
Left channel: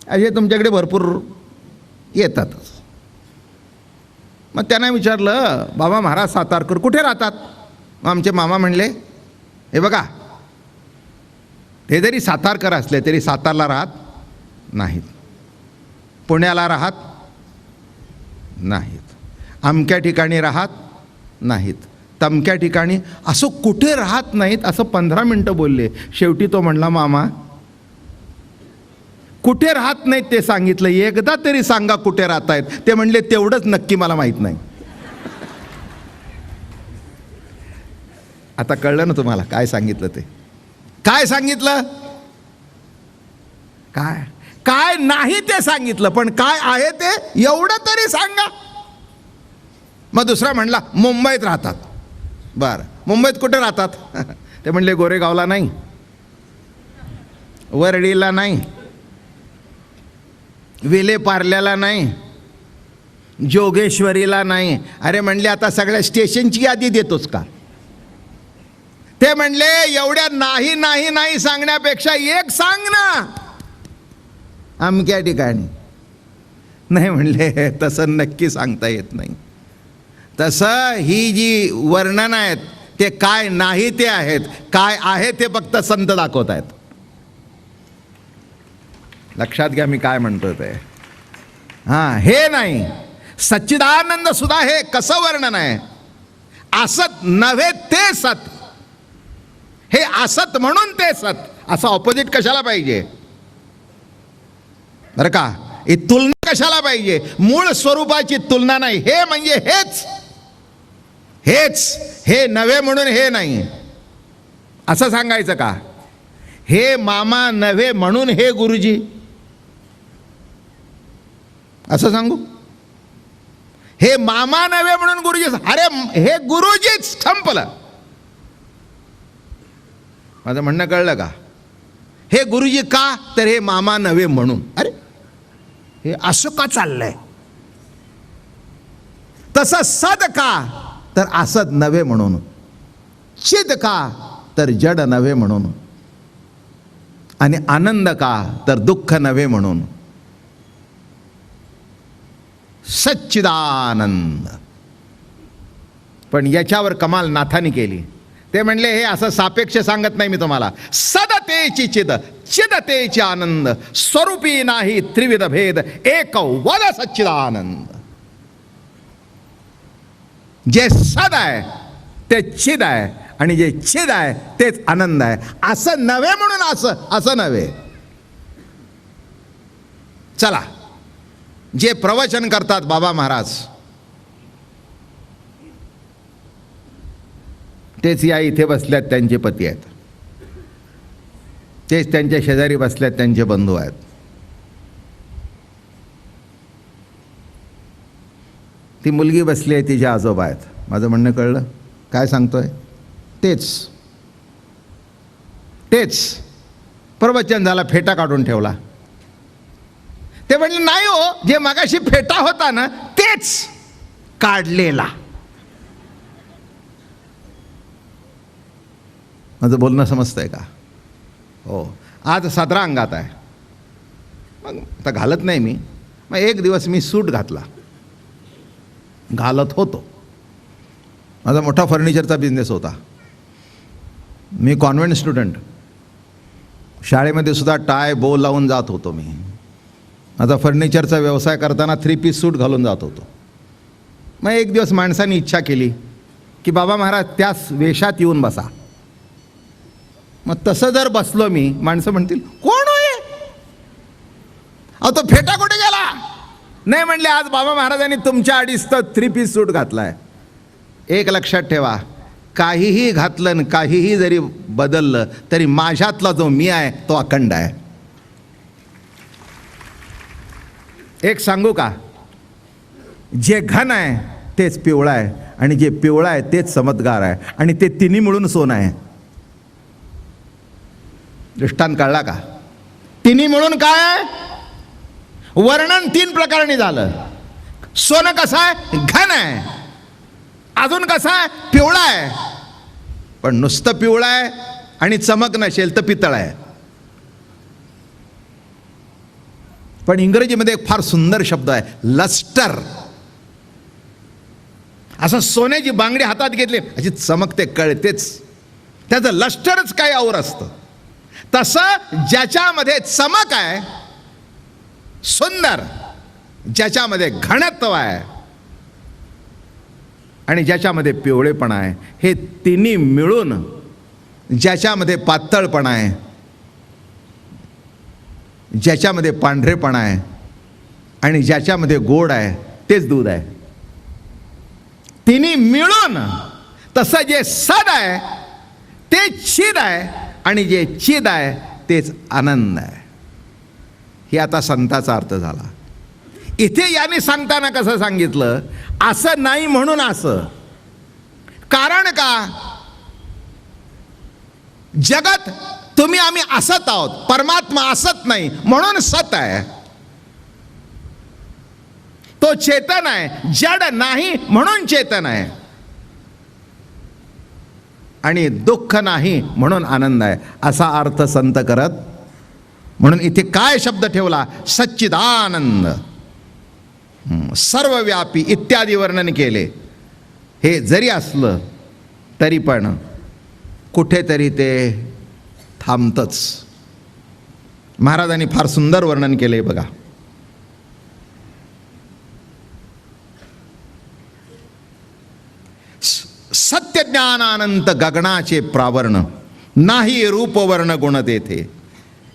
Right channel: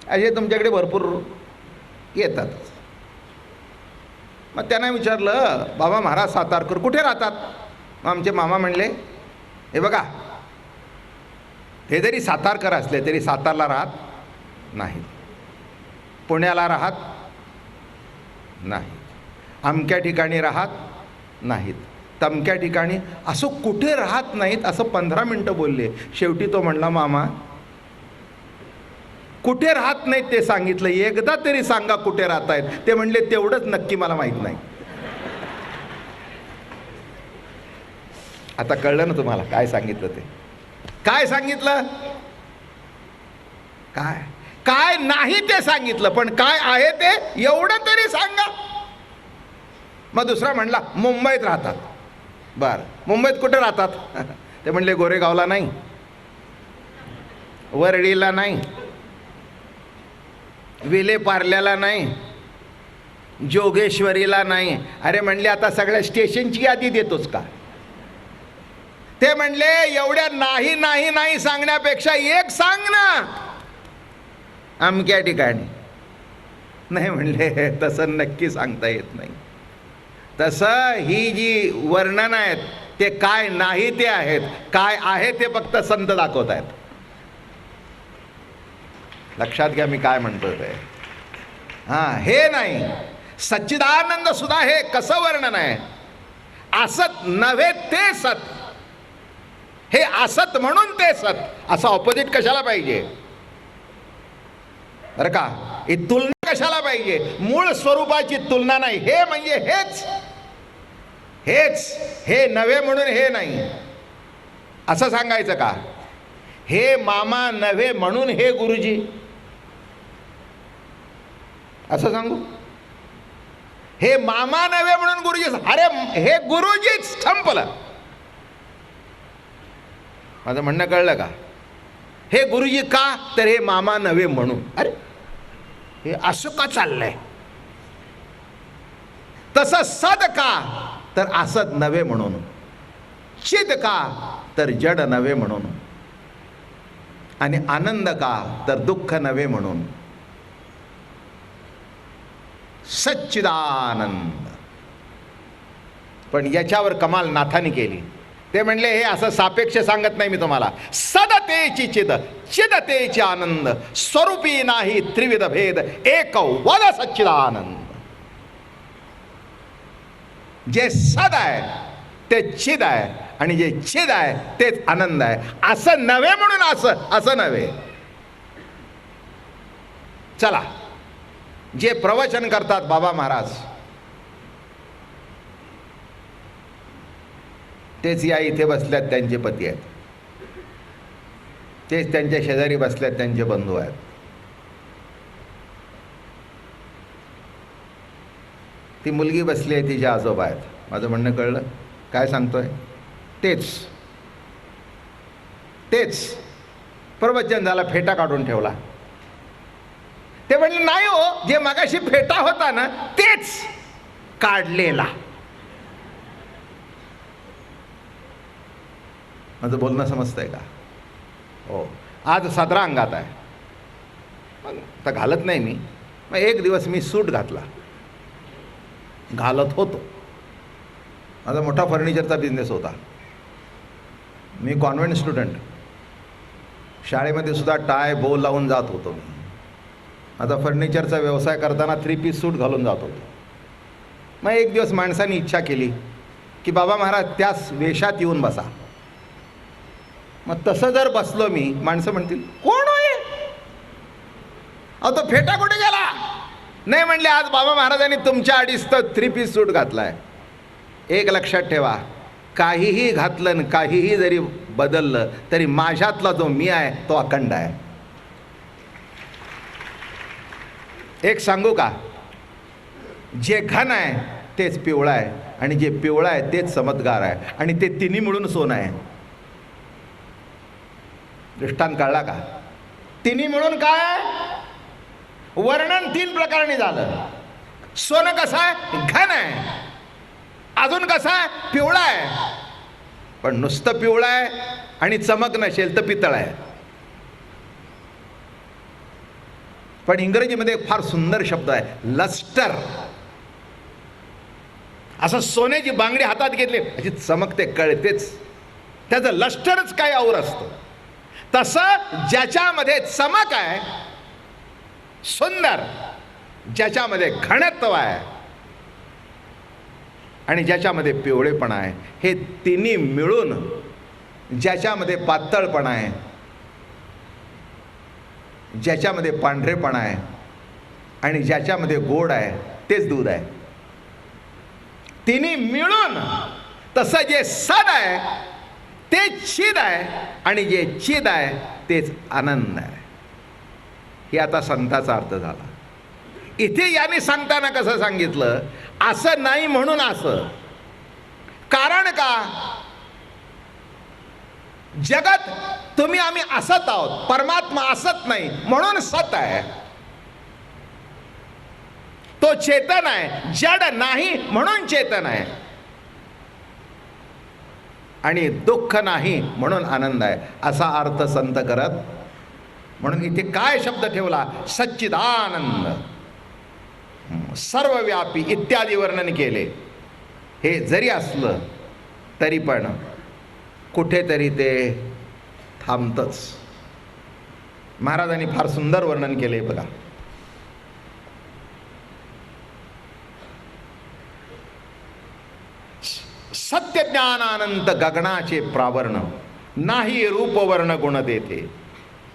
असे तुमच्याकडे भरपूर येतातच. मग त्यांना विचारलं, बाबा महाराज सातारकर कुठे राहतात? मग आमचे मामा म्हणले, हे बघा, ते जरी सातारकर असले तरी सातारला राहत नाहीत, पुण्याला राहत नाहीत, अमक्या ठिकाणी राहत नाहीत, तमक्या ठिकाणी, असं कुठे राहत नाहीत. असं 15 मिनटं बोलले. शेवटी तो म्हणला, मामा कुठे राहत नाहीत ते सांगितलं, एकदा तरी सांगा कुठे राहत आहेत. ते म्हणले, तेवढंच नक्की मला माहित नाही. आता कळलं ना तुम्हाला काय सांगितलं ते? काय सांगितलं? काय काय नाही ते सांगितलं, पण काय आहे ते एवढं तरी सांगा. मग दुसरा म्हणला, मुंबईत राहतात. बरं, मुंबईत कुठे राहतात? ते म्हणले, गोरेगावला नाही, वरळीला नाही, विलेपार्ल्याला नाही, जोगेश्वरीला नाही. अरे म्हणले, आता सगळ्या स्टेशनची यादी देतोच का? ते म्हणले, एवढ्या नाही नाही नाही सांगण्यापेक्षा एक सांग ना, अमक्या ठिकाणी. नाही म्हणले, तसं नक्की सांगता येत नाही. तसं ही जी वर्णन आहेत ते काय नाही ते आहेत, काय आहे ते फक्त संत दाखवत आहेत. लक्षात घ्या मी काय म्हणतोय ते. हां, हे नाही. सच्चिदानंद सुद्धा हे कसं वर्णन आहे? असत नव्हे ते सत. हे असत म्हणून ते सत. असं ऑपोजिट कशाला पाहिजे? बरं का, ही तुलना कशाला पाहिजे? मूळ स्वरूपाची तुलना नाही. हे म्हणजे हेच, हेच, हे नव्हे म्हणून हे नाही असं सांगायचं का? हे मामा नव्हे म्हणून हे गुरुजी असं सांगू? हे मामा नव्हे म्हणून गुरुजी, अरे हे गुरुजीच, संपलं. माझं म्हणणं कळलं का? हे गुरुजी का? तर हे मामा नव्हे म्हणून. अरे हे असं का चाललंय? तसं सद का? तर असद नव्हे म्हणून. चिद का? तर जड नव्हे म्हणून. आणि आनंद का? तर दुःख नव्हे म्हणून. सच्चिदानंद. पण याच्यावर कमाल नाथानी केली. ते म्हणले, हे असं सापेक्ष सांगत नाही मी तुम्हाला. सदतेची चिद, चिदतेची आनंद, स्वरूपी नाही त्रिविध भेद, एक वद सच्चिदानंद. जे सद आहे ते चिद आहे, आणि जे चिद आहे तेच आनंद आहे. असं नव्हे म्हणून असं नव्हे. चला, जे प्रवचन करतात बाबा महाराज, तेच या इथे बसल्यात त्यांचे पती आहेत, तेच त्यांच्या शेजारी बसल्यात त्यांचे बंधू आहेत. ती मुलगी बसली आहे, तिचे आजोबा आहेत. माझं म्हणणं कळलं काय सांगतोय? तेच तेच प्रवचन झाला, फेटा काढून ठेवला. ते म्हणले, नाही हो, जे मगाशी फेटा होता ना तेच काढलेला. माझं बोलणं समजतंय का? हो. आज 17 अंगात आहे. मग आता घालत नाही मी. मग एक दिवस मी सूट घातला, घालत होतो. माझा मोठा फर्निचरचा बिझनेस होता. मी कॉन्व्हेंट स्टुडंट, शाळेमध्ये सुद्धा टाय बो लावून जात होतो. मी माझा फर्निचरचा व्यवसाय करताना 3 पीस सूट घालून जात होतो. मग एक दिवस माणसाने इच्छा केली की बाबा महाराज त्याच वेशात येऊन बसा. मग तसं जर बसलो मी, माणसं म्हणतील कोण होय, अहो तो फेटा कुठे गेला. नाही म्हणले, आज बाबा महाराजांनी तुमच्या अडीच तर 3 पीस सूट घातलाय. एक लक्षात ठेवा, काहीही घातलं आणि काहीही जरी बदललं तरी माझ्यातला जो मी आहे तो अखंड आहे. एक सांगू का, जे घन आहे तेच पिवळं आहे आणि जे पिवळं आहे तेच चमत्कार आहे आणि ते तिन्ही मिळून सोनं आहे. दृष्टांत कळला का? तिन्ही मिळून काय? वर्णन 3 प्रकारांनी झालं. सोनं कसं आहे? घन आहे. अजून कसं आहे? पिवळं आहे. पण नुसतं पिवळं आहे आणि चमक नसेल तर पितळ आहे. पण इंग्रजीमध्ये एक फार सुंदर शब्द आहे, लस्टर. असं सोन्याची बांगडी हातात घेतली अशी चमकते, कळतेच. त्याचं लस्टरच काय और असतं. तसं ज्याच्यामध्ये चमक आहे, सुंदर, ज्याच्यामध्ये घनत्व आहे आणि ज्याच्यामध्ये पिवळेपणा आहे, हे तिन्ही मिळून ज्याच्यामध्ये पातळपणा आहे, ज्याच्यामध्ये पांढरेपणा आहे आणि ज्याच्यामध्ये गोड आहे तेच दूध आहे. तिन्ही मिळून तसं जे सद आहे ते चिद आहे आणि जे चिद आहे तेच आनंद आहे. हे आता संताचा अर्थ झाला. इथे याने सांगताना कसं सांगितलं, असं नाही म्हणून असं. कारण का? जगत तुम्ही आम्ही असत आहोत, परमात्मा असत नाही म्हणून सत आहे. तो चेतन आहे, जड नाही म्हणून चेतन आहे. आणि दुःख नाही म्हणून आनंद आहे, असा अर्थ संत करत. म्हणून इथे काय शब्द ठेवला? सच्चिदानंद, सर्वव्यापी इत्यादी वर्णन केले. हे जरी असलं तरी पण कुठेतरी ते थांबतंच. महाराजांनी फार सुंदर वर्णन केले बघा. सत्यज्ञानानंत गगनाचे प्रावरण, नाही रूपवर्ण गुण तेथे.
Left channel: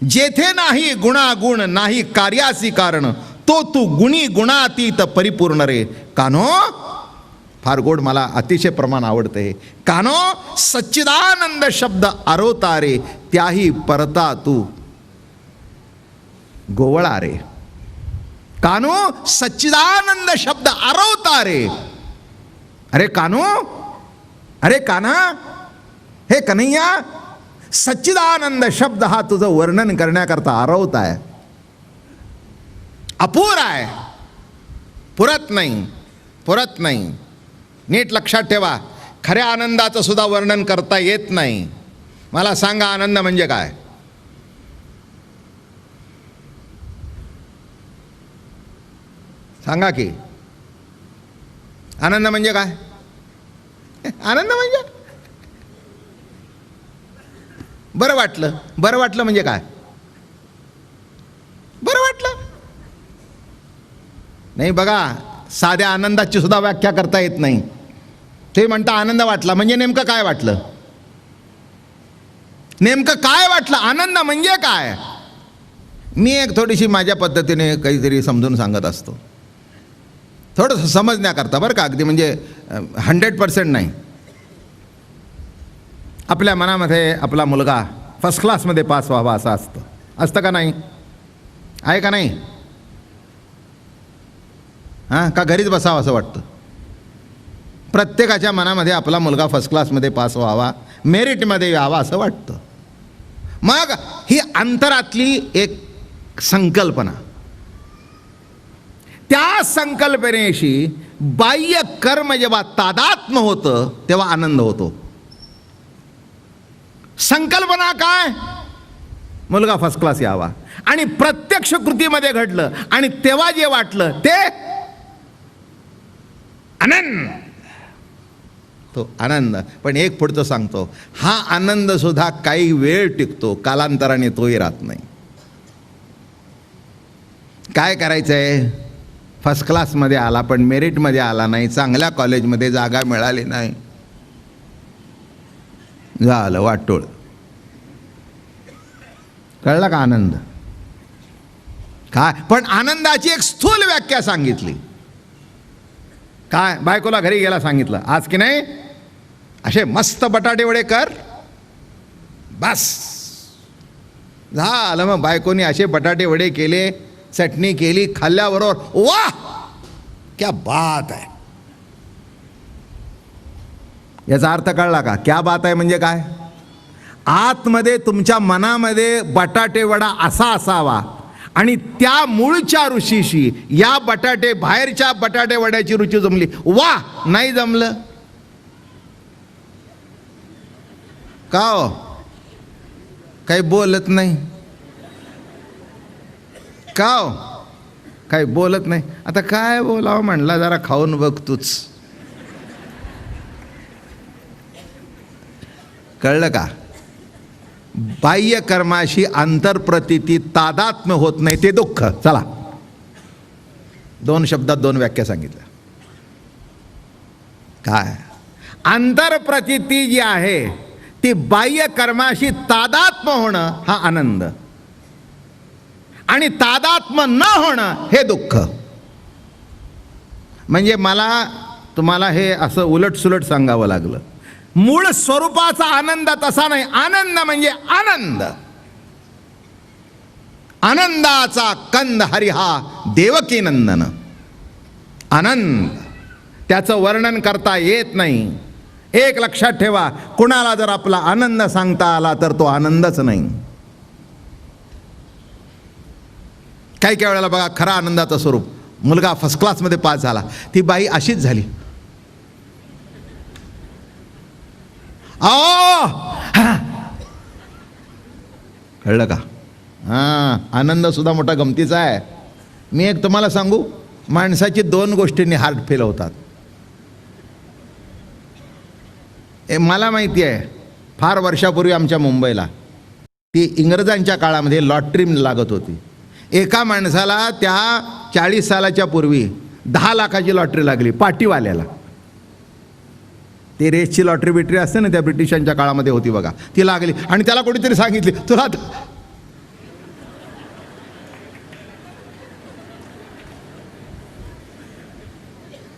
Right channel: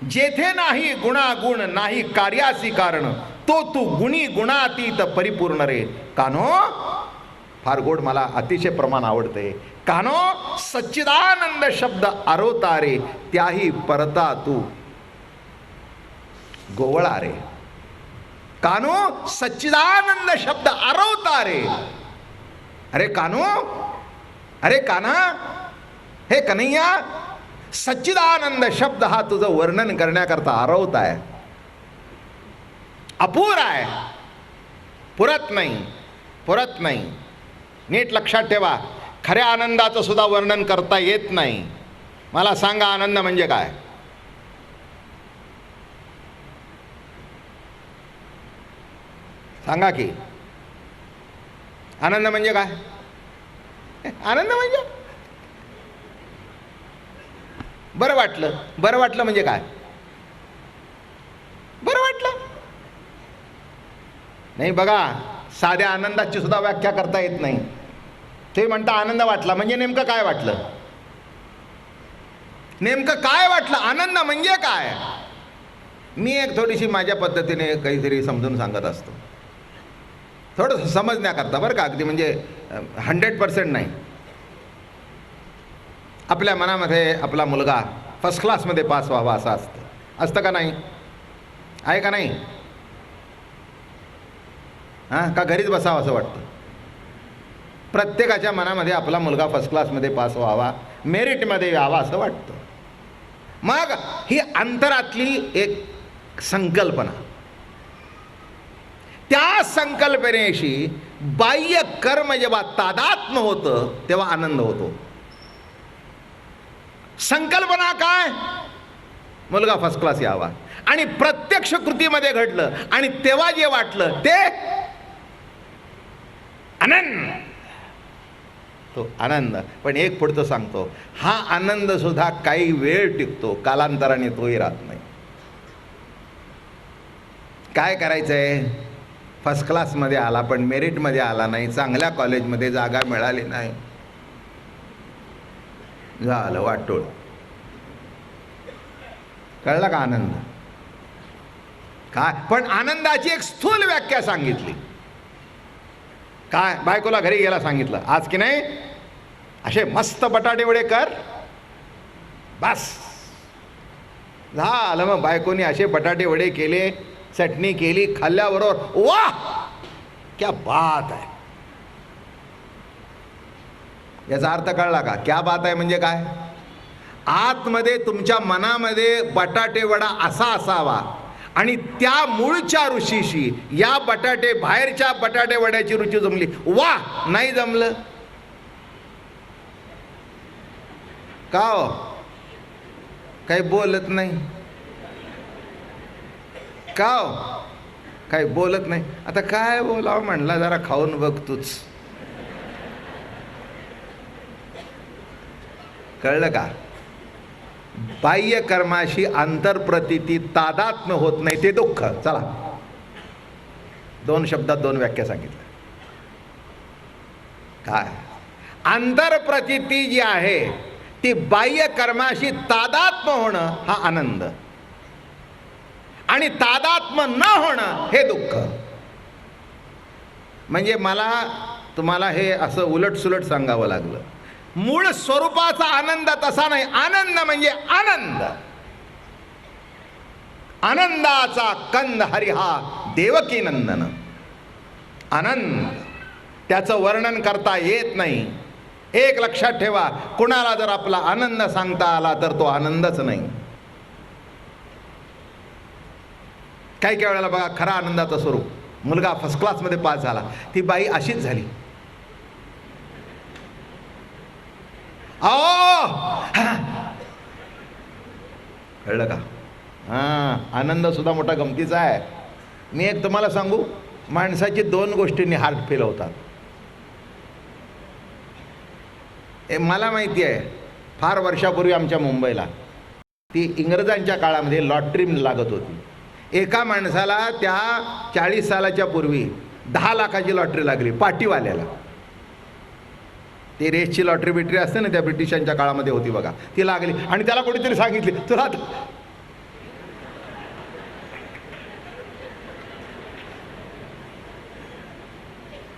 जेथे नाही गुणागुण, नाही कार्यासी कारण, तो तू गुणी गुणातीत परिपूर्ण रे. कानो, फार गोड, मला अतिशय प्रमाण आवडते. कानो, सच्चिदानंद शब्द आरोता रे, त्याही परता तू गोवळा रे. कानो, सच्चिदानंद शब्द आरोता रे. अरे कानो, अरे काना, हे कन्हैया, सच्चिदानंद शब्द हा तुझं वर्णन करण्याकरता आरवत आहे, अपुरा आहे, पुरत नाही, पुरत नाही. नीट लक्षात ठेवा, खऱ्या आनंदाचं सुद्धा वर्णन करता येत नाही. मला सांगा, आनंद म्हणजे काय? सांगा की, आनंद म्हणजे काय? आनंद म्हणजे बरं वाटलं. बरं वाटलं म्हणजे काय? बरं वाटलं नाही. बघा, साध्या आनंदाची सुद्धा व्याख्या करता येत नाही. ते म्हणता आनंद वाटला म्हणजे नेमकं काय वाटलं? नेमकं काय वाटलं? आनंद म्हणजे काय? मी एक थोडीशी माझ्या पद्धतीने काहीतरी समजून सांगत असतो, थोडंसं समजण्याकरता बरं का, अगदी म्हणजे 100% नाही. आपल्या मनामध्ये आपला मुलगा फर्स्ट क्लासमध्ये पास व्हावा असं असतं. असतं का नाही? आहे का नाही? हां, का घरीच बसावं असं वाटतं? प्रत्येकाच्या मनामध्ये आपला मुलगा फर्स्ट क्लासमध्ये पास व्हावा, मेरिटमध्ये यावा असं वाटतं. मग ही अंतरातली एक संकल्पना, त्या संकल्पनेशी बाह्य कर्म जेव्हा तादात्म्य होतं तेव्हा आनंद होतो. संकल्पना काय? मुलगा फर्स्ट क्लास यावा. आणि प्रत्यक्ष कृतीमध्ये घडलं आणि तेव्हा जे वाटलं ते आनंद, तो आनंद. पण एक पुढचं सांगतो, हा आनंद सुद्धा काही वेळ टिकतो, कालांतराने तोही राहत नाही. काय करायचंय? फर्स्ट क्लासमध्ये आला पण मेरिटमध्ये आला नाही, चांगल्या कॉलेजमध्ये जागा मिळाली नाही, झालं वाटोळ. कळलं का आनंद काय? पण आनंदाची एक स्थूल व्याख्या सांगितली. काय? बायकोला घरी गेला सांगितलं, आज की नाही असे मस्त बटाटे वडे कर, बस झालं. मग बायकोनी असे बटाटे वडे केले, चटणी केली, खाल्ल्याबरोबर वाह क्या बात आहे. याचा अर्थ कळला का? क्या बात आहे म्हणजे काय? आतमध्ये तुमच्या मनामध्ये बटाटे वडा असा असावा आणि त्या मूळच्या ऋषीशी या बाहेरच्या बटाटे वड्याची रुची जमली. वा, नाही जमलं का हो? काही बोलत नाही का हो? काही बोलत नाही. आता काय बोलावं म्हणला, जरा खाऊन बघ तूच. कळलं का? बाह्य कर्माशी आंतरप्रतीती तादात्म्य होत नाही ते दुःख. चला, 2 शब्दात 2 व्याख्या सांगितल्या. काय? आंतरप्रतीती जी आहे ती बाह्य कर्माशी तादात्म्य होणं हा आनंद, आणि तादात्म्य न होणं हे दुःख. म्हणजे मला तुम्हाला हे असं उलटसुलट सांगावं लागलं. मूळ स्वरूपाचा आनंद तसा नाही. आनंद म्हणजे आनंद, आनंदाचा कंद हरी हा देवकी नंदन. आनंद त्याचं वर्णन करता येत नाही. एक लक्षात ठेवा, कुणाला जर आपला आनंद सांगता आला तर तो आनंदच नाही. काही काही वेळेला बघा, खरा आनंदाचं स्वरूप, मुलगा फर्स्ट क्लासमध्ये पास झाला, ती बाई अशीच झाली. कळलं का? आनंद सुद्धा मोठा गमतीचा आहे. मी एक तुम्हाला सांगू, माणसाची 2 गोष्टींनी हार्ट फेल होतात. मला माहिती आहे, फार वर्षापूर्वी आमच्या मुंबईला ती इंग्रजांच्या काळामध्ये लॉटरी लागत होती. एका माणसाला त्या 40 सालाच्या पूर्वी 10 लाखाची लॉटरी लागली, पाटीवाल्याला. ते रेसची लॉटरी बिटरी असते ना, त्या ब्रिटिशांच्या काळामध्ये होती बघा, ती लागली. आणि त्याला कोणीतरी सांगितली, तुला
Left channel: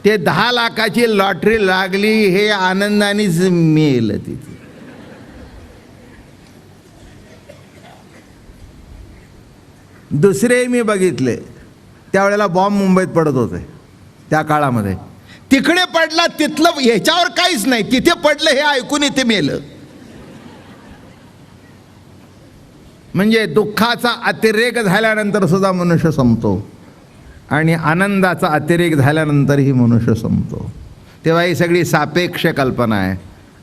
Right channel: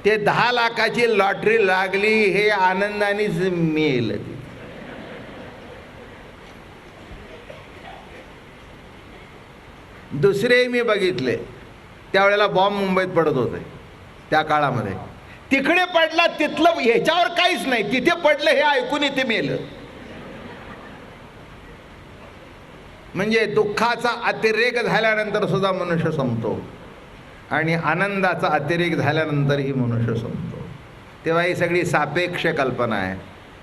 ते 10 लाखाची लॉटरी लागली हे आनंदानेच मिळेल. तिथे दुसरे मी बघितले, त्यावेळेला बॉम्ब मुंबईत पडत होते त्या काळामध्ये. तिकडे पडला, तिथलं ह्याच्यावर काहीच नाही, तिथे पडलं हे ऐकून इथे मेलं. म्हणजे दुःखाचा अतिरेक झाल्यानंतर सुद्धा मनुष्य संपतो आणि आनंदाचा अतिरेक झाल्यानंतरही मनुष्य संपतो. तेव्हा ही सगळी सापेक्ष कल्पना आहे.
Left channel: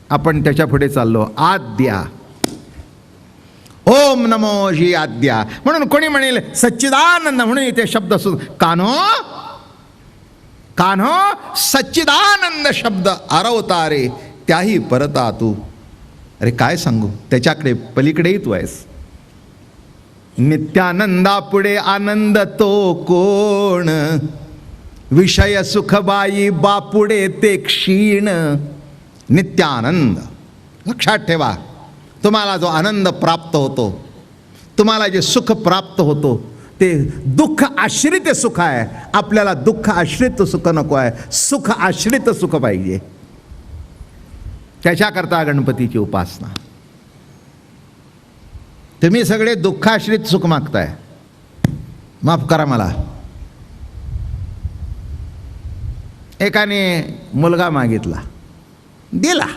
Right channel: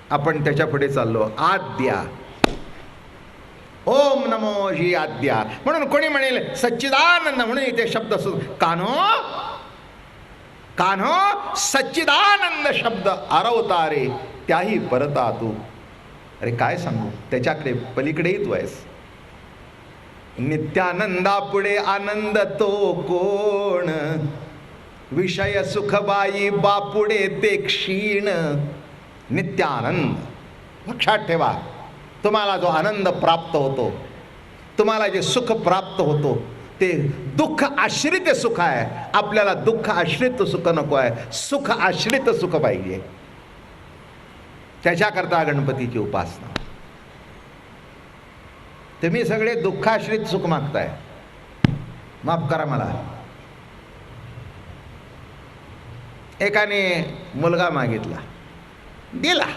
आपण त्याच्या पुढे चाललो. आद्या, ओम नमो जी आद्या. म्हणून कोणी म्हणेल सच्चिदानंद, म्हणून इथे शब्द कान्हो कान्हो सच्चिदानंद शब्द अरवतारे त्याही परता तू. अरे काय सांगू, त्याच्याकडे पलीकडेही तू आहेस. नित्यानंदा पुढे आनंद तो कोण, विषय सुखबाई बापुडे ते क्षीण. नित्यानंद लक्षात ठेवा. तुम्हाला जो आनंद प्राप्त होतो, तुम्हाला जे सुख प्राप्त होतो ते दुःख आश्रित सुख आहे. आपल्याला दुःख आश्रित सुख नको आहे, सुख आश्रित सुख पाहिजे. त्याच्याकरता गणपतीची उपासना. तुम्ही सगळे दुःखाश्रित सुख मागताय, माफ करा मला. एकाने मुलगा मागितला, दिला,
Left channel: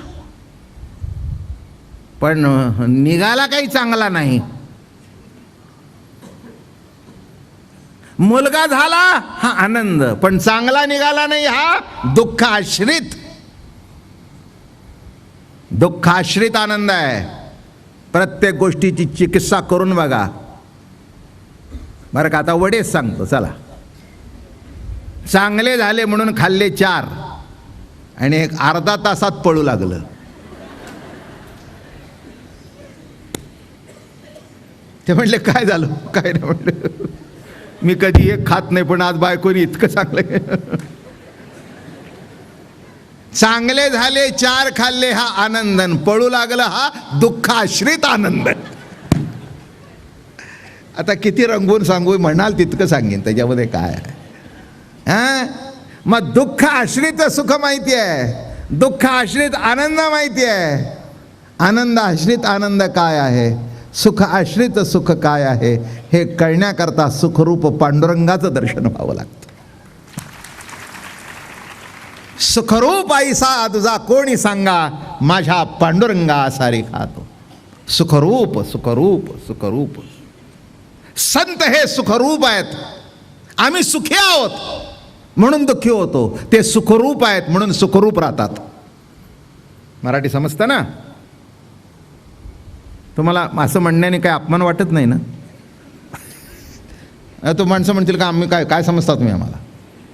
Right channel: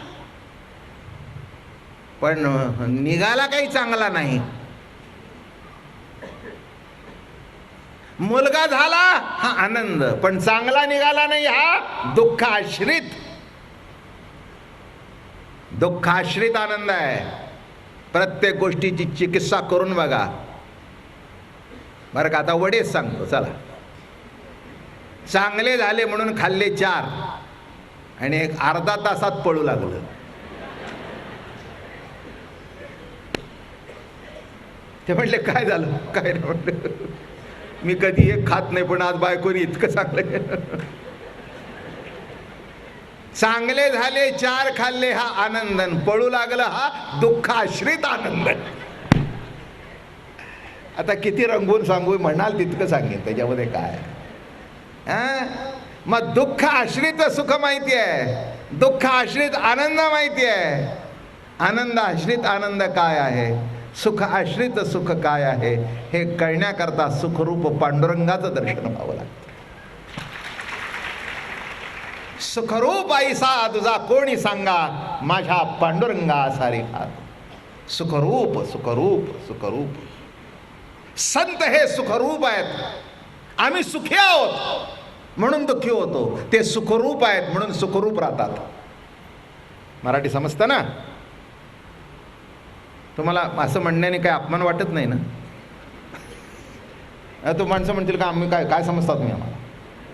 पण निघाला काही चांगला नाही. मुलगा झाला हा आनंद, पण चांगला निघाला नाही हा दुःख आश्रित. दुःखाश्रित आनंद आहे. प्रत्येक गोष्टीची चिकित्सा करून बघा बरं का. आता वडेच सांगतो चला. चांगले झाले म्हणून खाल्ले 4 आणि एक अर्धा तासात पळू लागलं. ते म्हणले काय झालं, काय नाही म्हणलं, मी कधी एक खात नाही पण आज बायकोनी इतकं चांगलं. चांगले झाले 4 खाल्ले हा आनंदन, पळू लागला हा दुःखाश्रित आनंद. आता किती रंगवून सांगू म्हणाल तितकं सांगेन, त्याच्यामध्ये काय आहे. मग दुःख आश्रित सुख माहिती आहे, दुःख आश्रित आनंद माहिती आहे, आनंद आश्रित आनंद काय आहे, सुख आश्रित सुख काय आहे हे कळण्याकरता सुखरूप पांडुरंगाचं दर्शन व्हावं लागतं. सुखरूप ऐसा तुझा कोणी सांगा, माझ्या पांडुरंगा सारे खातो. सुखरूप सुखरूप सुखरूप. संत हे सुखरूप आहेत. आम्ही सुखी आहोत म्हणून दुःखी होतो, ते सुखरूप आहेत म्हणून सुखरूप राहतात. मराठी समजतं ना तुम्हाला. असं म्हणण्याने काय अपमान वाटत नाही ना. तो माणसं म्हणतील का आम्ही काय काय समजता तुम्ही आम्हाला.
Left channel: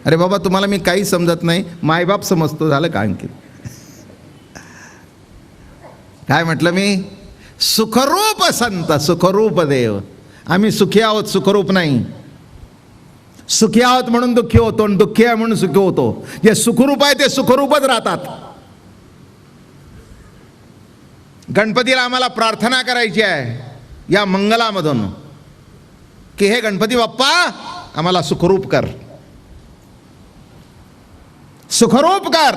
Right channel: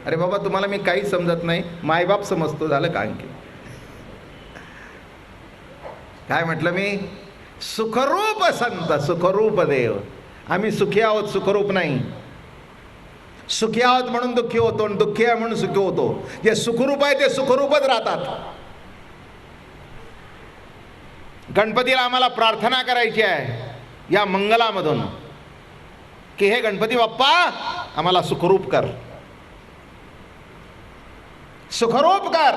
अरे बाबा तुम्हाला मी काही समजत नाही, मायबाप समजतो, झालं का आणखी. काय म्हटलं मी, सुखरूप संत सुखरूप देव. आम्ही सुखी आहोत, सुखरूप नाही. सुखी आहोत म्हणून दुःखी होतो आणि दुःखी आहे म्हणून सुखी होतो. जे सुखरूप आहे ते सुखरूपच राहतात. गणपतीला आम्हाला प्रार्थना करायची आहे या मंगलामधून की हे गणपती बाप्पा आम्हाला सुखरूप कर, सुखरूप कर.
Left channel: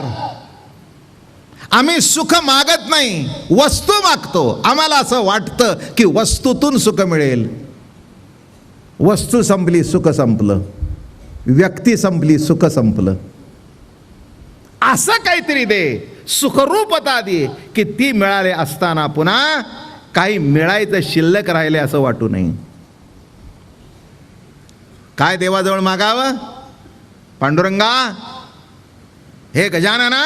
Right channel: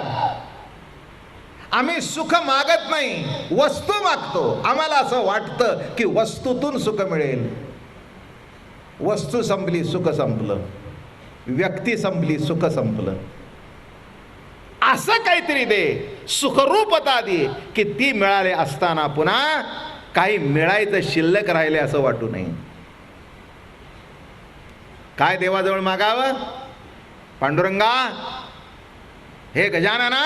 आम्ही सुख मागत नाही, वस्तू मागतो. आम्हाला असं वाटतं की वस्तूतून सुख मिळेल. वस्तू संपली सुख संपलं, व्यक्ती संपली सुख संपलं. असं काहीतरी दे, सुखरूपता दे की ती मिळाले असताना पुन्हा काही मिळायचं शिल्लक राहिले असं वाटू नये. काय देवाजवळ मागावं, पांडुरंगा हे गजानना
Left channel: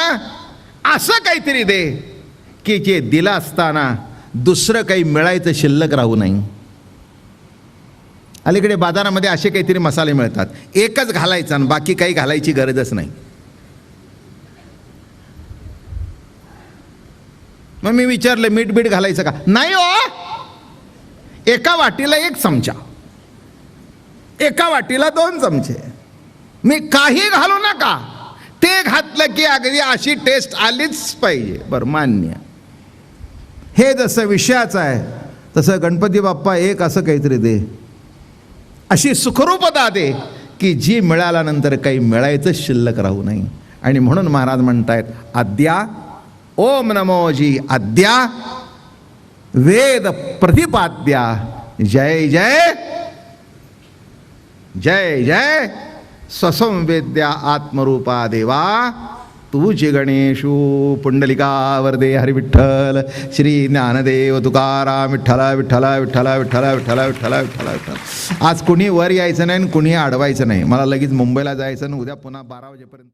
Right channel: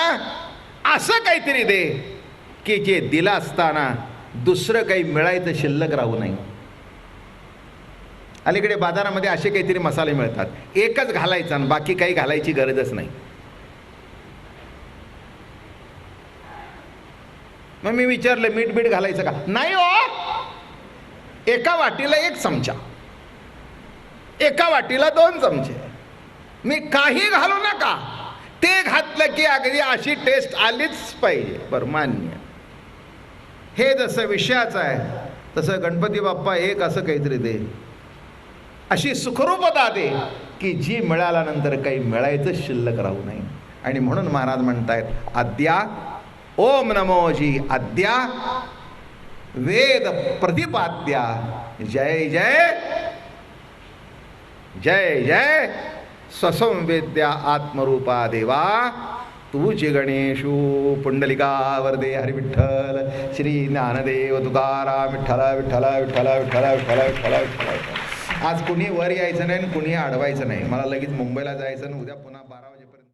असं काहीतरी दे की जे दिलं असताना दुसरं काही मिळायचं शिल्लक राहू नये. अलीकडे बाजारामध्ये असे काहीतरी मसाले मिळतात, एकच घालायचा आणि बाकी काही घालायची गरजच नाही. मग मी विचारलं मीठ बीठ घालायचं का, नाही हो, एका वाटीला 1 चमचा, एका वाटीला 2 चमचे, मी काही घालू नका. ते घातलं की अगदी अशी टेस्ट आलीच पाहिजे. बरं मान्य. हे जसं विषयाचं आहे तसं गणपती बाप्पा एक असं काहीतरी दे, अशी सुखरूपता दे की जी मिळाल्यानंतर काही मिळायचं शिल्लक राहू नये. आणि म्हणून महाराज म्हणतायत अद्या ओम नमोजी अद्या वेद प्रतिपाद्या जय जय जय जय स्वसंवेद्या आत्मरूपा देवा तूची गणेशू पुंडलिका वरदे हरी विठ्ठल श्री ज्ञानदेव तुकाराम विठ्ठला विठ्ठला विठ्ठला विठ्ठला विठ्ठला विठ्ठला विठ्ठला विठ्ठला. आज कुणी वर यायचं नाही आणि कुणी अडवायचं नाही. मला लगेच मुंबईला जायचं आणि उद्या पुन्हा 12 वाजेपर्यंत